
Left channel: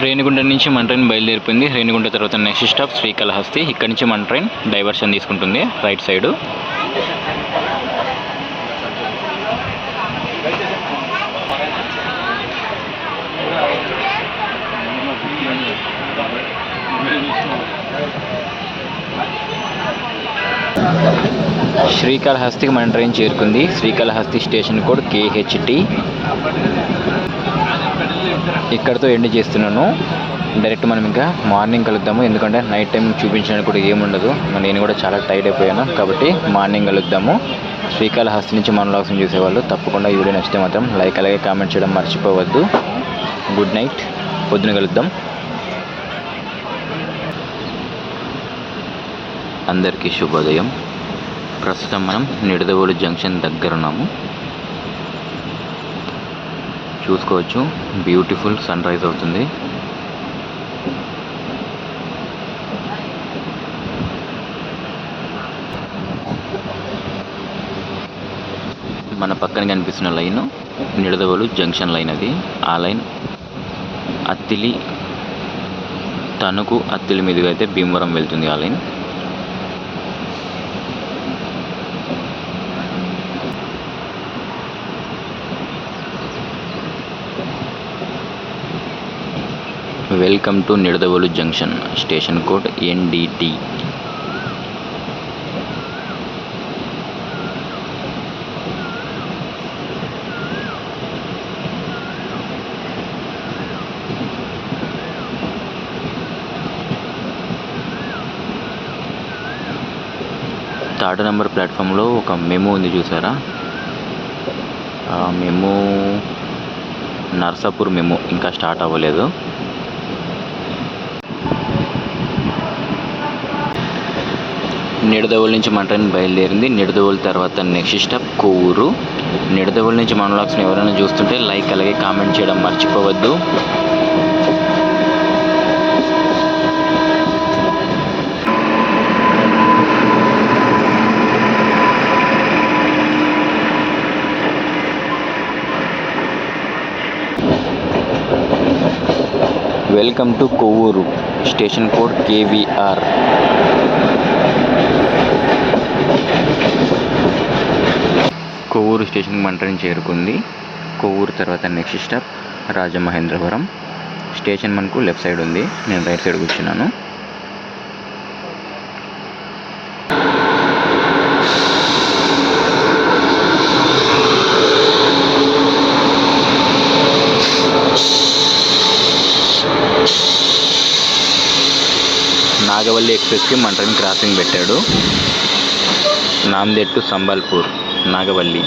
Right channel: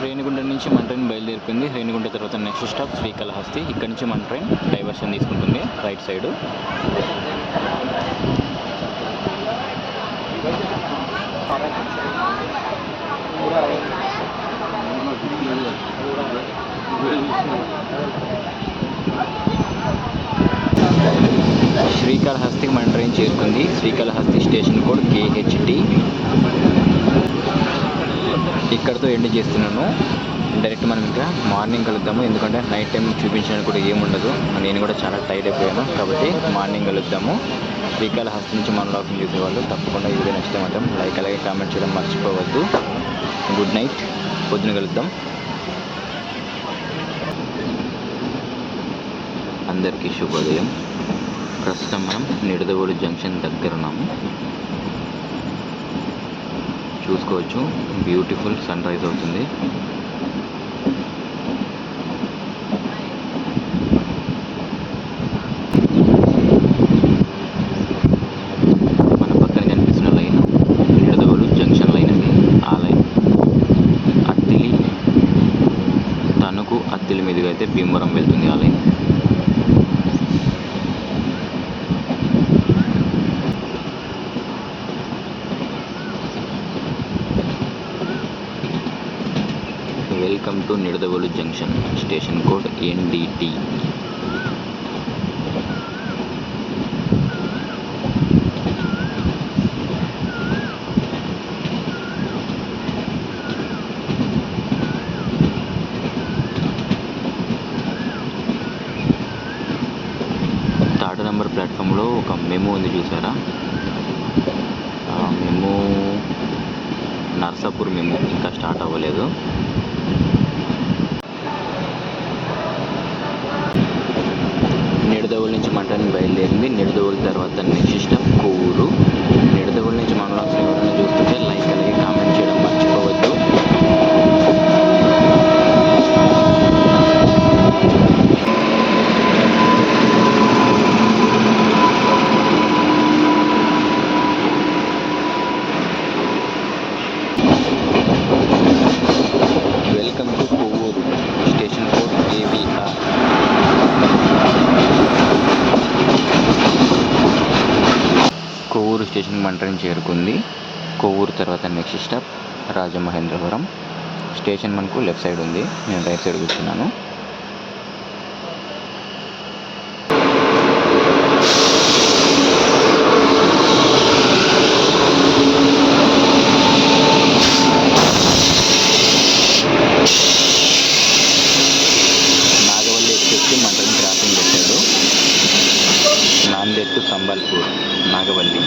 రేణిగుంట నుంచి మన ట్రైన్ బయలుదేరిపోయింది. రేణిగుంట తర్వాత నెక్స్ట్ స్టాప్ శ్రీకాళహస్తి. ఇక్కడ నుంచి మన ట్రైన్ డైవర్షన్ తీసుకుంటుంది రైట్ సైడు. శ్రీకాళహస్తికి మన ట్రైన్ చేరుకుంది. Srikalahasti station code KHT. ఇక్కడతో ఎండ్ చేస్తున్నాను. డైరెక్ట్ మనం ఇంకా మార్నింగ్ కలుద్దాము. ఎందుకంటే నైట్ టైం చూపించడానికి కూడా ఏముండదు. నేను కూడా చాలా టైర్డ్ అయిపోయాను కాబట్టి మార్నింగ్ కలుద్దాము. శ్రీకాళహస్తి నుంచి మన వ్లాగ్స్ చూసేవాళ్ళు తప్పకుండా ఈ వీడియో నచ్చితే మాత్రం లైక్ అలాగే కామెంట్ చేయడం మర్చిపోవద్దు. Good night. పొద్దున కలుద్దాం. అందరికీ శుభోదయం. ప్రస్తుతం మనం నిడదవోలు జంక్షన్ దగ్గర ఉన్నాము. చూసుకోవచ్చు, బ్యూటిఫుల్ సన్ రైజ్ అవుతుంది. మన పక్కన కనిపిస్తున్న లైన్ నిడదవోలు జంక్షన్ లైన్. అది ఆ లైన్ అత్తిలి, తణుకు, అత్తిలి మీదుగా అయితే భీమవరం వెళ్తుంది ఆ line. Welcome to Nidadavolu junction. Station code NDT. Third number ప్లాట్ఫామ్లో ఒక మెమో ఉంది చూసారా. ఆ మెమో నర్సాపూర్ మెమో ఇంకా స్టార్ట్ అవ్వలేదు. నిడదవోలు నుంచి మన ట్రైన్ బయలుదేరింది. నిడదవోలు తర్వాత నెక్స్ట్ స్టాప్ కోవూరు. నిడదవోలు నుంచి మన వ్లాగ్స్ని ఎవరైనా చూస్తుంటే లైక్ అలాగే కామెంట్ చేయడం మర్చిపోవద్దు. Welcome to Kovvur, station code KVR. Kovvur స్టేషన్కి మన ట్రైన్ చేరుకుంది. కొవ్వూరు తర్వాత నెక్స్ట్ స్టాప్ రాజమహేంద్రవరం. స్టేషన్ మనకు లెఫ్ట్ సైడ్ ఉంది, నేను రైట్ సైడ్ కూర్చున్నాను. నాగవల్లి ఎక్స్ప్రెస్కి మన ట్రైన్ క్రాసింగ్ పెట్టాడు. నాందేడ్ టు సంబల్పూర్, నాగవల్లి.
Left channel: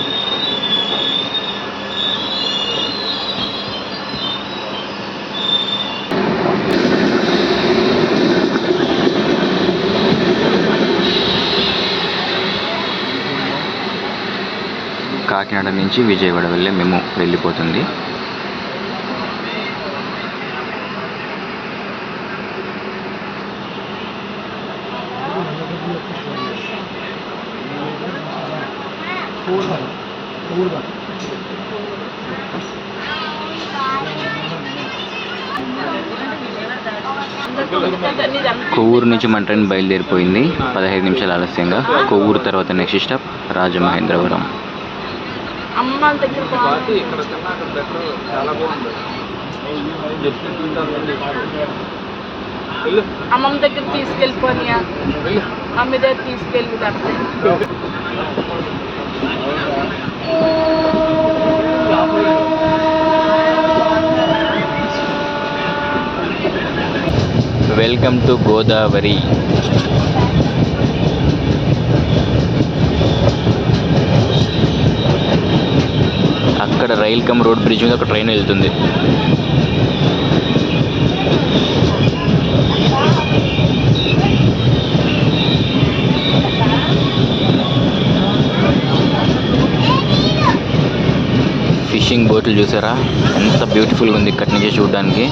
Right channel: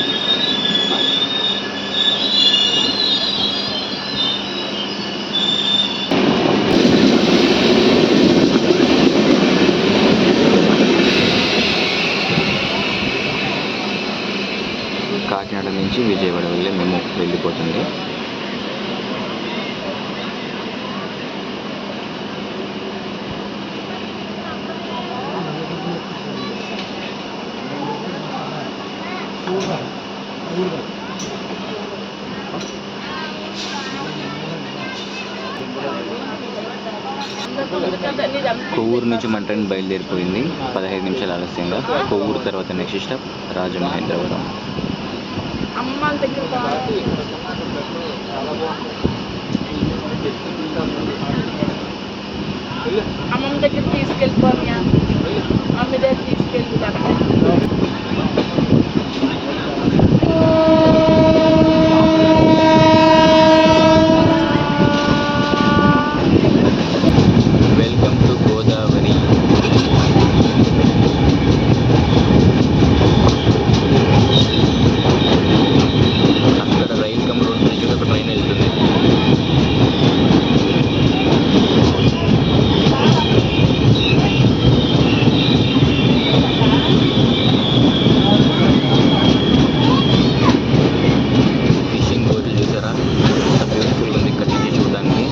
కాకినాడ నుంచి విజయవాడ వెళ్ళే మేము వెళ్ళిపోతుంది. కొవ్వూరు నుంచి మన ట్రైన్ బయలుదేరిపోయింది 15 నిమిషాలు ఆలస్యంగా. కొవ్వూరు తర్వాత నెక్స్ట్ స్టాప్ రాజమహేంద్రవరం. అమ్మమ్మ దగ్గర తీసుకెళ్ళిపోయి అమ్మ దగ్గర తీసుకెళ్ళిపోతాను. Welcome to Godavari. అక్కడ రైల్ కమ్ రోడ్ బ్రిడ్జ్ మీద ఒక ట్రైన్ వెళ్తుంది. ఫిషింగ్ బోట్లు చూసారా, ఎంత బ్యూటిఫుల్గా ఉంది ఇక్కడి నుంచి చూడడానికి.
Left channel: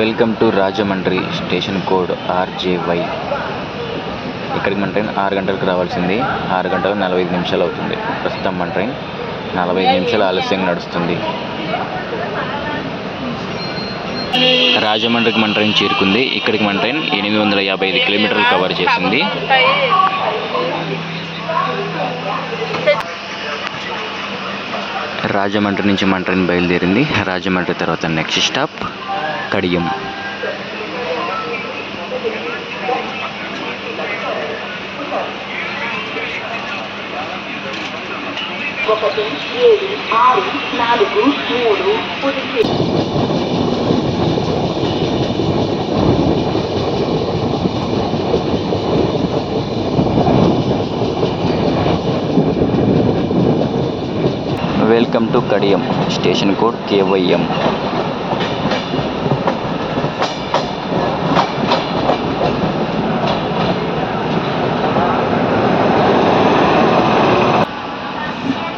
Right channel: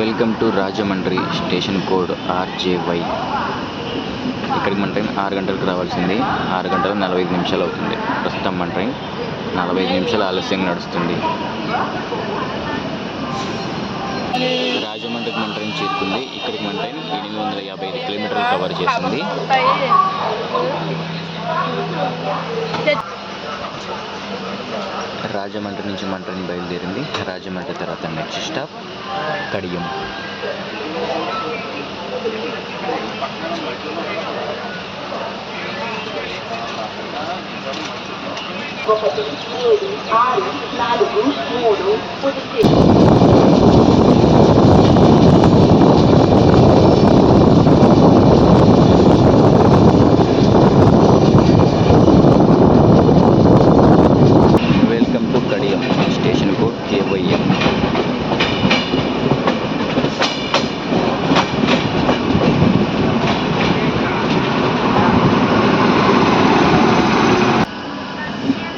Welcome to Rajahmundry, station code RJY. ఇక్కడికి మన ట్రైన్ 6 గంటలకు రావాల్సింది. 6 గంటల 45 నిమిషాలు అవుతుంది. ప్రస్తుతం మన ట్రైన్ 45 నిమిషాలు ఆలస్యంగా నడుస్తుంది. రాజమండ్రికి మన ట్రైన్ చేరుకుంది. ఇక్కడికి మన ట్రైన్ 855 కిలోమీటర్లు కవర్ చేసింది. రాజమండ్రి నుంచి మన ట్రైన్ బయలుదేరింది. రాజమండ్రి తర్వాత next stop Kadiyam. Welcome to Kadiyam, station code KYM.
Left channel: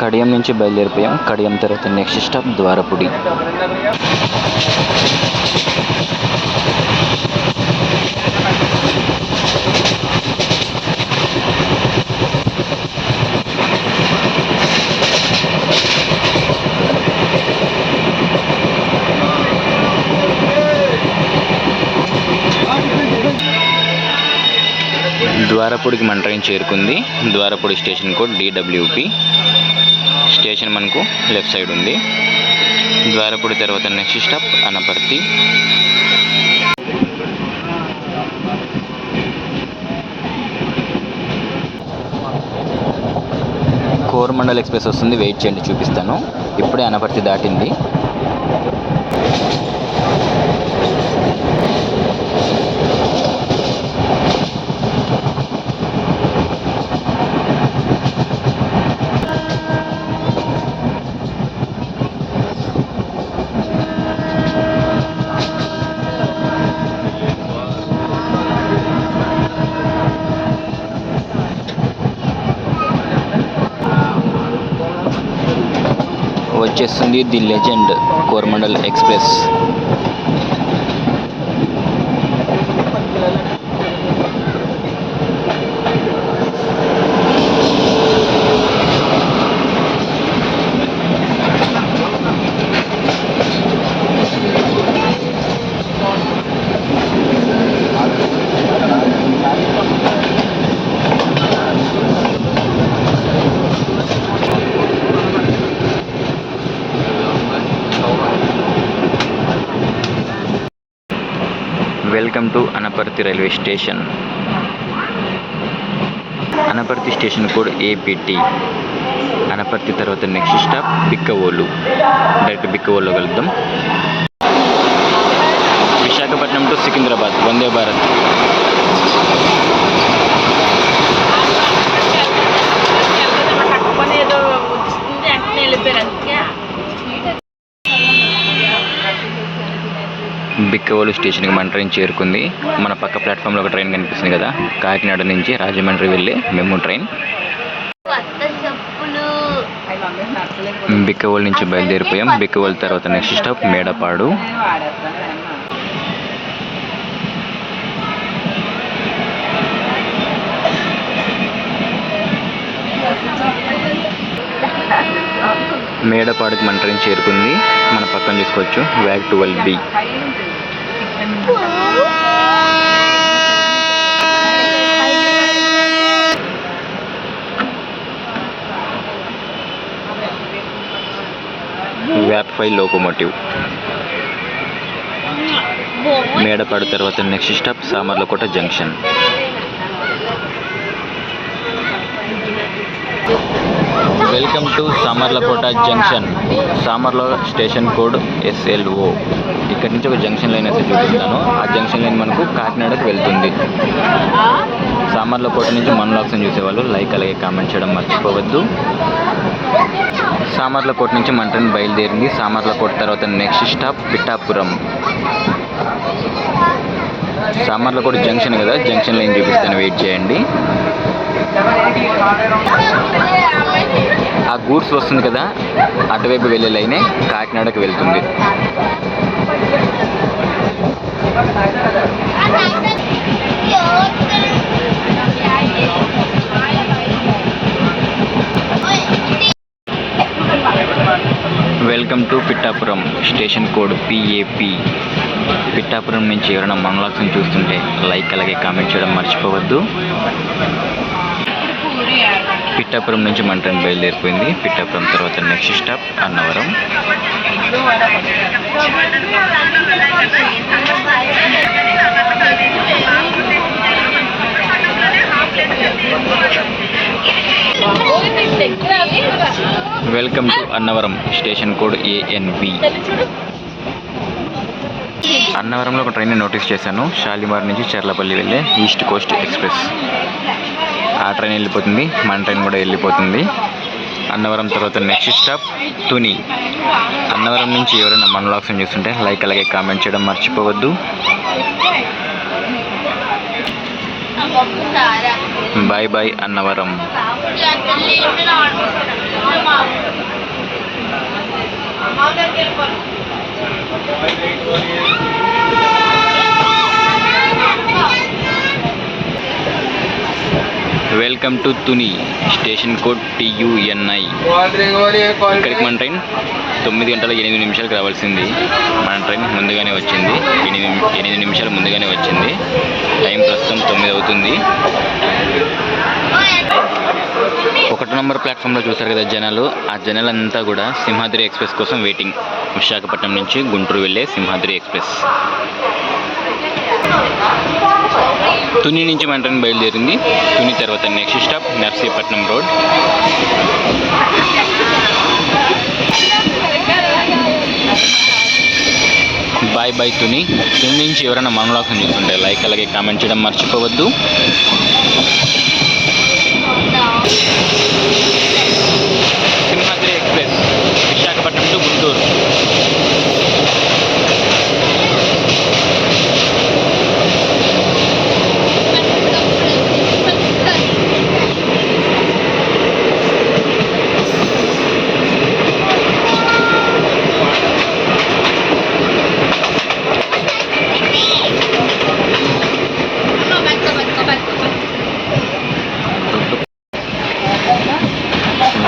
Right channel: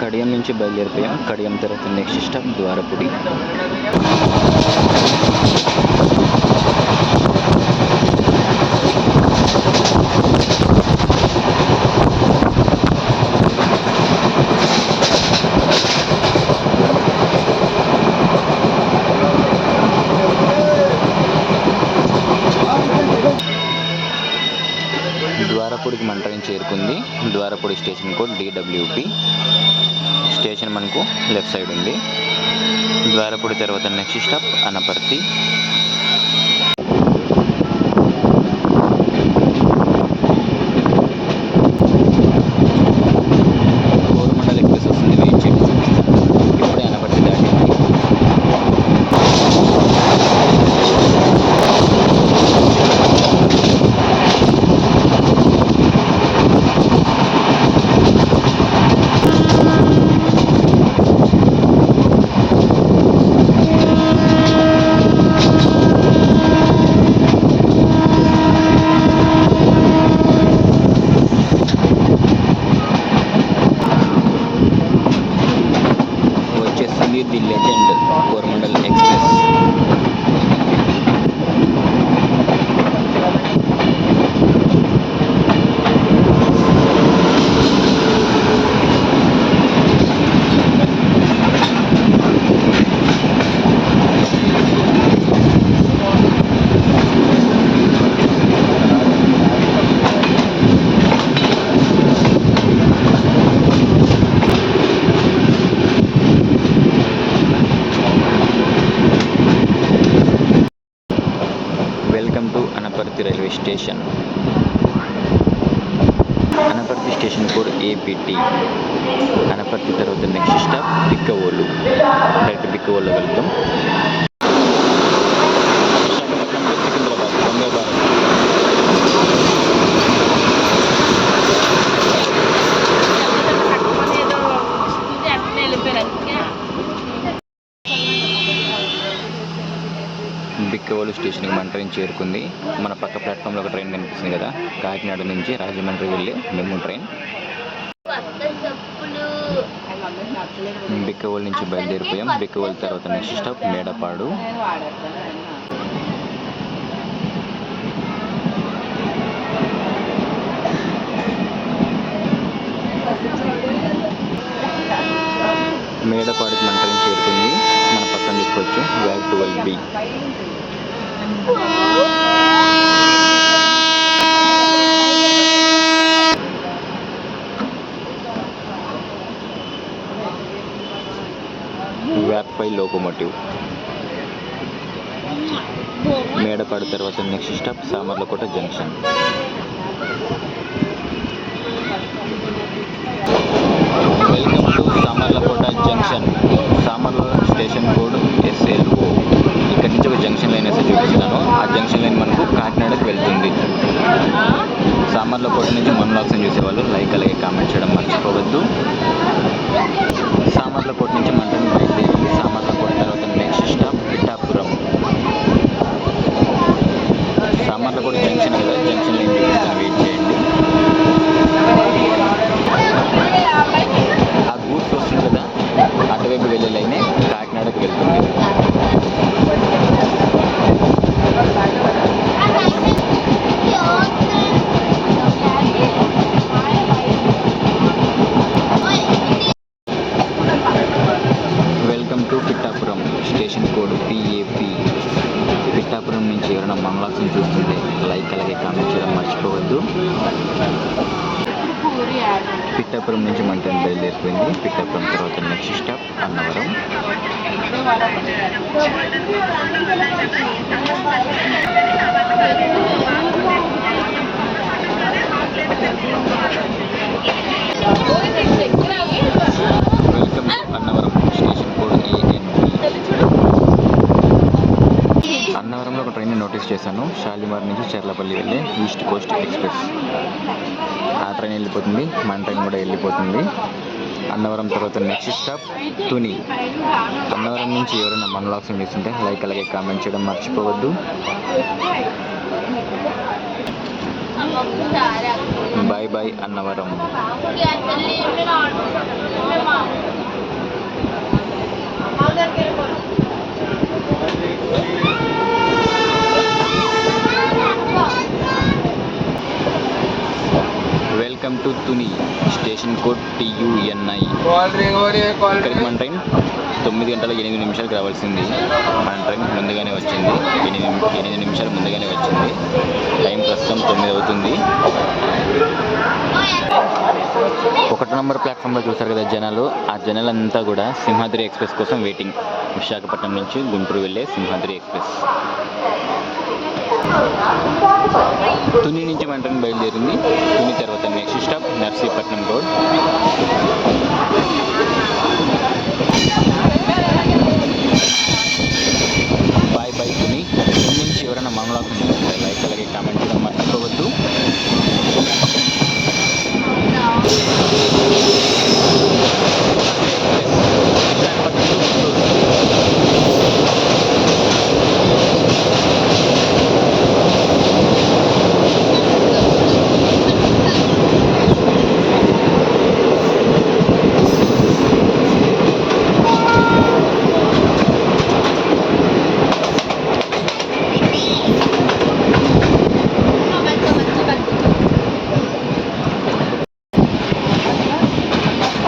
Kadiyam నుంచి బయలుదేరిపోయాం. కడియం తర్వాత నెక్స్ట్ స్టాప్ ద్వారపుడి. ద్వారపుడికి మన ట్రైన్ చేరుకుంది. Dwarapudi station code DWP. Station మనకు లెఫ్ట్ సైడ్ ఉంది. ద్వారపుడి తర్వాత next stop Anaparthi. Coromandel express వస్తుంది, వెయిట్ చేయండి, చూపిస్తాను. ఇప్పుడే అనపర్తి దాటింది. వచ్చేస్తుంది the legend Coromandel express. Welcome to Anaparthi railway station. Anaparthi station code APT. Anaparthi తర్వాత నెక్స్ట్ స్టాప్ బిక్కవోలు. డైరెక్ట్ బిక్కవోలులో వెళ్తాం. విశాఖపట్నం టు సికింద్రాబాద్ వందే భారత్. బిక్కవోలు స్టేషన్కి మన ట్రైన్ చేరుకుంది. మన పక్క ప్లాట్ఫామ్లో ఒక ట్రైన్ కనిపిస్తుంది కదా, కాకినాడ నుంచి రాజమండ్రి వెళ్ళే మెమూ ట్రైన్. బిక్కవోలు నుంచి బయలుదేరిపోయాం. బిక్కవోలు తర్వాత నెక్స్ట్ స్టాప్ మేడపాడు. మేడపాడుకి మన ట్రైన్ చేరుకుంది. మన పక్కన చూసుకోవచ్చు WAG 12B. WAG 5 locomotive. Medapadu తర్వాత next stop Samarlakota junction. Welcome to Samarlakota junction. Samarla station code SLO. ఇక్కడ నుంచి ఒక జంక్షన్ లైన్ అయితే చూపిస్తున్నాను. ఆ జంక్షన్ లైన్ మనకు కాకినాడకు వెళ్తుంది. సామర్లకోట నుంచి మన వ్లాగ్స్ని చూసేవాళ్ళు లైక్ అలాగే కామెంట్ చేయడం మర్చిపోవద్దు. సామర్లకోట నుంచి మన ట్రైన్ బయలుదేరింది. సామర్లకోట తర్వాత next stop Pithapuram. Samarlakota junction కదా, జంక్షన్ లైన్ చూపిస్తాను, వెయిట్ చేయండి. ఆ గూడ్స్ వస్తుంది కదా, అటువైపు వెళ్ళే లైనే కాకినాడకు వెళ్తుంది. Welcome to Pithapuram station code PAP. Pithapuram నుంచి ఎవరైనా మన వ్లాగ్స్ని చూస్తుంటే లైక్ అలాగే కామెంట్ చేయడం మర్చిపోవద్దు. పిఠాపురం నుంచి మన ట్రైన్ బయలుదేరిపోయింది. పిఠాపురం తర్వాత next stop Annavaram. Welcome to Annavaram, station code ANB. అన్నవరంలో ఒక ట్రైన్ నోటీస్ చేశాను. షాలిమార్ నుంచి చర్లపల్లి వెళ్ళే ఈస్ట్ కోస్ట్ ఎక్స్ప్రెస్. ఆ ట్రైన్ వెళ్ళిపోతుంది, మన ట్రైన్ కూడా వెళ్ళిపోతుంది. అన్నవరం తర్వాత నెక్స్ట్ స్టాప్ తుని. అన్నవరం నుంచి ఎవరైనా మన వ్లాగ్స్ చూస్తుంటే లైక్ అలాగే కామెంట్ చేయడం మర్చిపోవద్దు. Bye bye Annavaram. Welcome to Tuni, station code TUNI. ఇక్కడికి మన ట్రైన్ 9:08 రావాల్సింది. మన ట్రైన్ ముందుగానే వచ్చింది, 8 నిమిషాలు ముందుగానే వచ్చింది. టైం ప్రస్తుతం 9 అవుతుంది. 1 నంబర్ ప్లాట్ఫామ్లో చూసారు కదా జనాలు. ఆ జనాలంతా కూడా సింహాద్రి ఎక్స్ప్రెస్ కోసం వెయిటింగ్. విశాఖపట్నం నుంచి గుంటూరు వెళ్ళే సింహాద్రి ఎక్స్ప్రెస్. తుని నుంచి మన ట్రైన్ బయలుదేరింది. తుని తర్వాత next stop Narsipatnam road. Bye bye Tuni. Tuni నుంచి ఎవరైనా మన వ్లాగ్స్ చూస్తుంటే లైక్ అలాగే కామెంట్ చేయడం మర్చిపోవద్దు. Simhadri express Visakhapatnam to Guntur.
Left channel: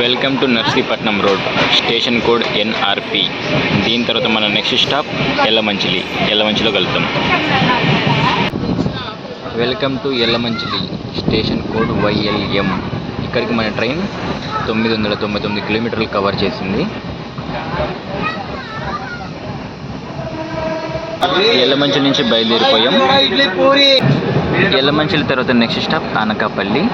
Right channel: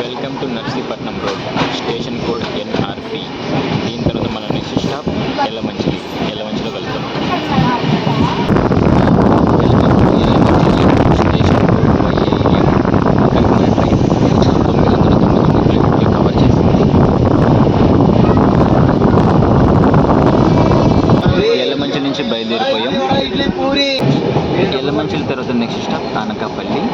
Welcome to Narsipatnam road, station code NRP. దీని తర్వాత మన నెక్స్ట్ స్టాప్ ఎల్లమంచిలి. ఎల్లమంచిలో కలుద్దాం. Welcome to Yelamanchili, station code YLM. ఇక్కడికి మన ట్రైన్ 999 కిలోమీటర్లు కవర్ చేసింది. ఎల్లమంచిలి నుంచి బయలుదేరిపోయాం. ఎల్లమంచిలి తర్వాత next stop Anakapalli.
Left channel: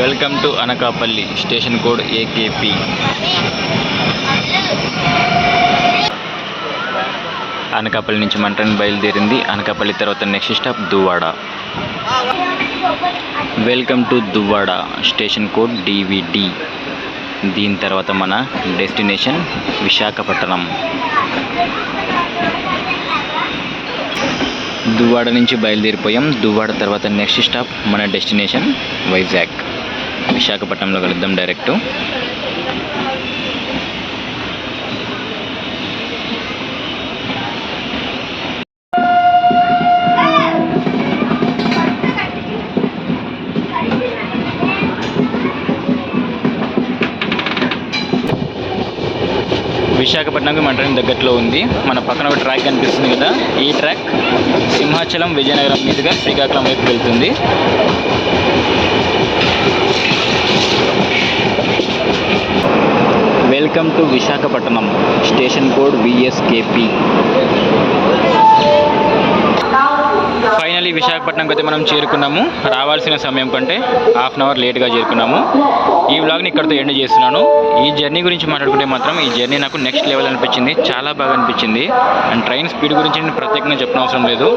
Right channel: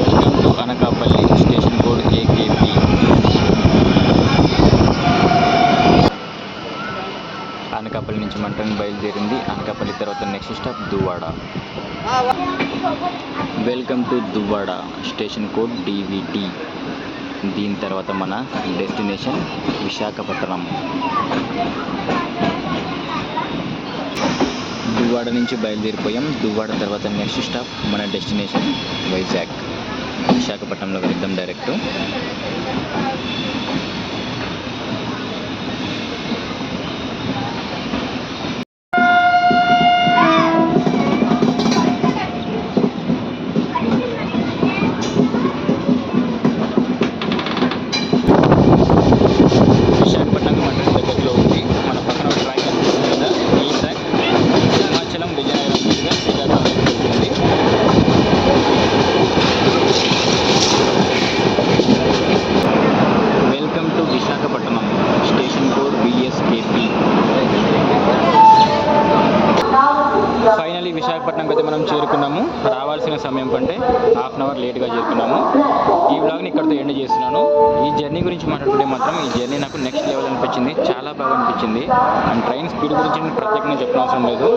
Welcome to Anakapalli, station code AKP. Anakapalli నుంచి మన ట్రైన్ బయలుదేరింది. అనకాపల్లి తర్వాత next stop Duvvada. Welcome to Duvvada, station code DVD. దీని తర్వాత మన డెస్టినేషన్ విశాఖపట్నం. దువ్వాడ నుంచి బయలుదేరిపోయాం. దువ్వాడ తర్వాత నెక్స్ట్ స్టాప్ మన డెస్టినేషన్ వైజాగ్. విశాఖపట్నంలో కలుద్దాం డైరెక్ట్. విశాఖపట్నంకి మన ట్రైన్ దగ్గరలో ఉంది. మన పక్కన ఒక ట్రాక్ కనిపిస్తుంది కదా, ఈ ట్రాక్ సింహాచలం విజయనగరం మీదుగా శ్రీకాకుళం వైపు వెళ్తుంది. Welcome to Visakhapatnam, station code VSKP. Finally విశాఖపట్నంకి అయితే మనం చేరుకున్నాము. రావాల్సిన సమయం కంటే హాఫ్ అన్ అవర్ లేట్గా చేరుకున్నాము. ఈ వ్లాగ్ని ఇక్కడితో ఎండ్ చేస్తున్నాను. ఈ జర్నీ గురించి మాట్లాడుకుంటే మాత్రం ఈ జర్నీ నాకు నెక్స్ట్ లెవెల్ అనిపించింది. చాలా బాగా అనిపించింది. అండ్ ట్రైన్ స్పీడ్ గురించి నేను ప్రత్యేకంగా చెప్పిన అవసరం లేదు.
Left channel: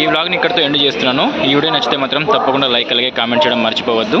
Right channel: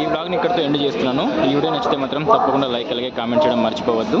ఈ వ్లాగ్ని ఇక్కడితో ఎండ్ చేస్తున్నాను. ఈ వీడియో నచ్చితే మాత్రం తప్పకుండా లైక్ అలాగే కామెంట్ చేయడం మర్చిపోవద్దు.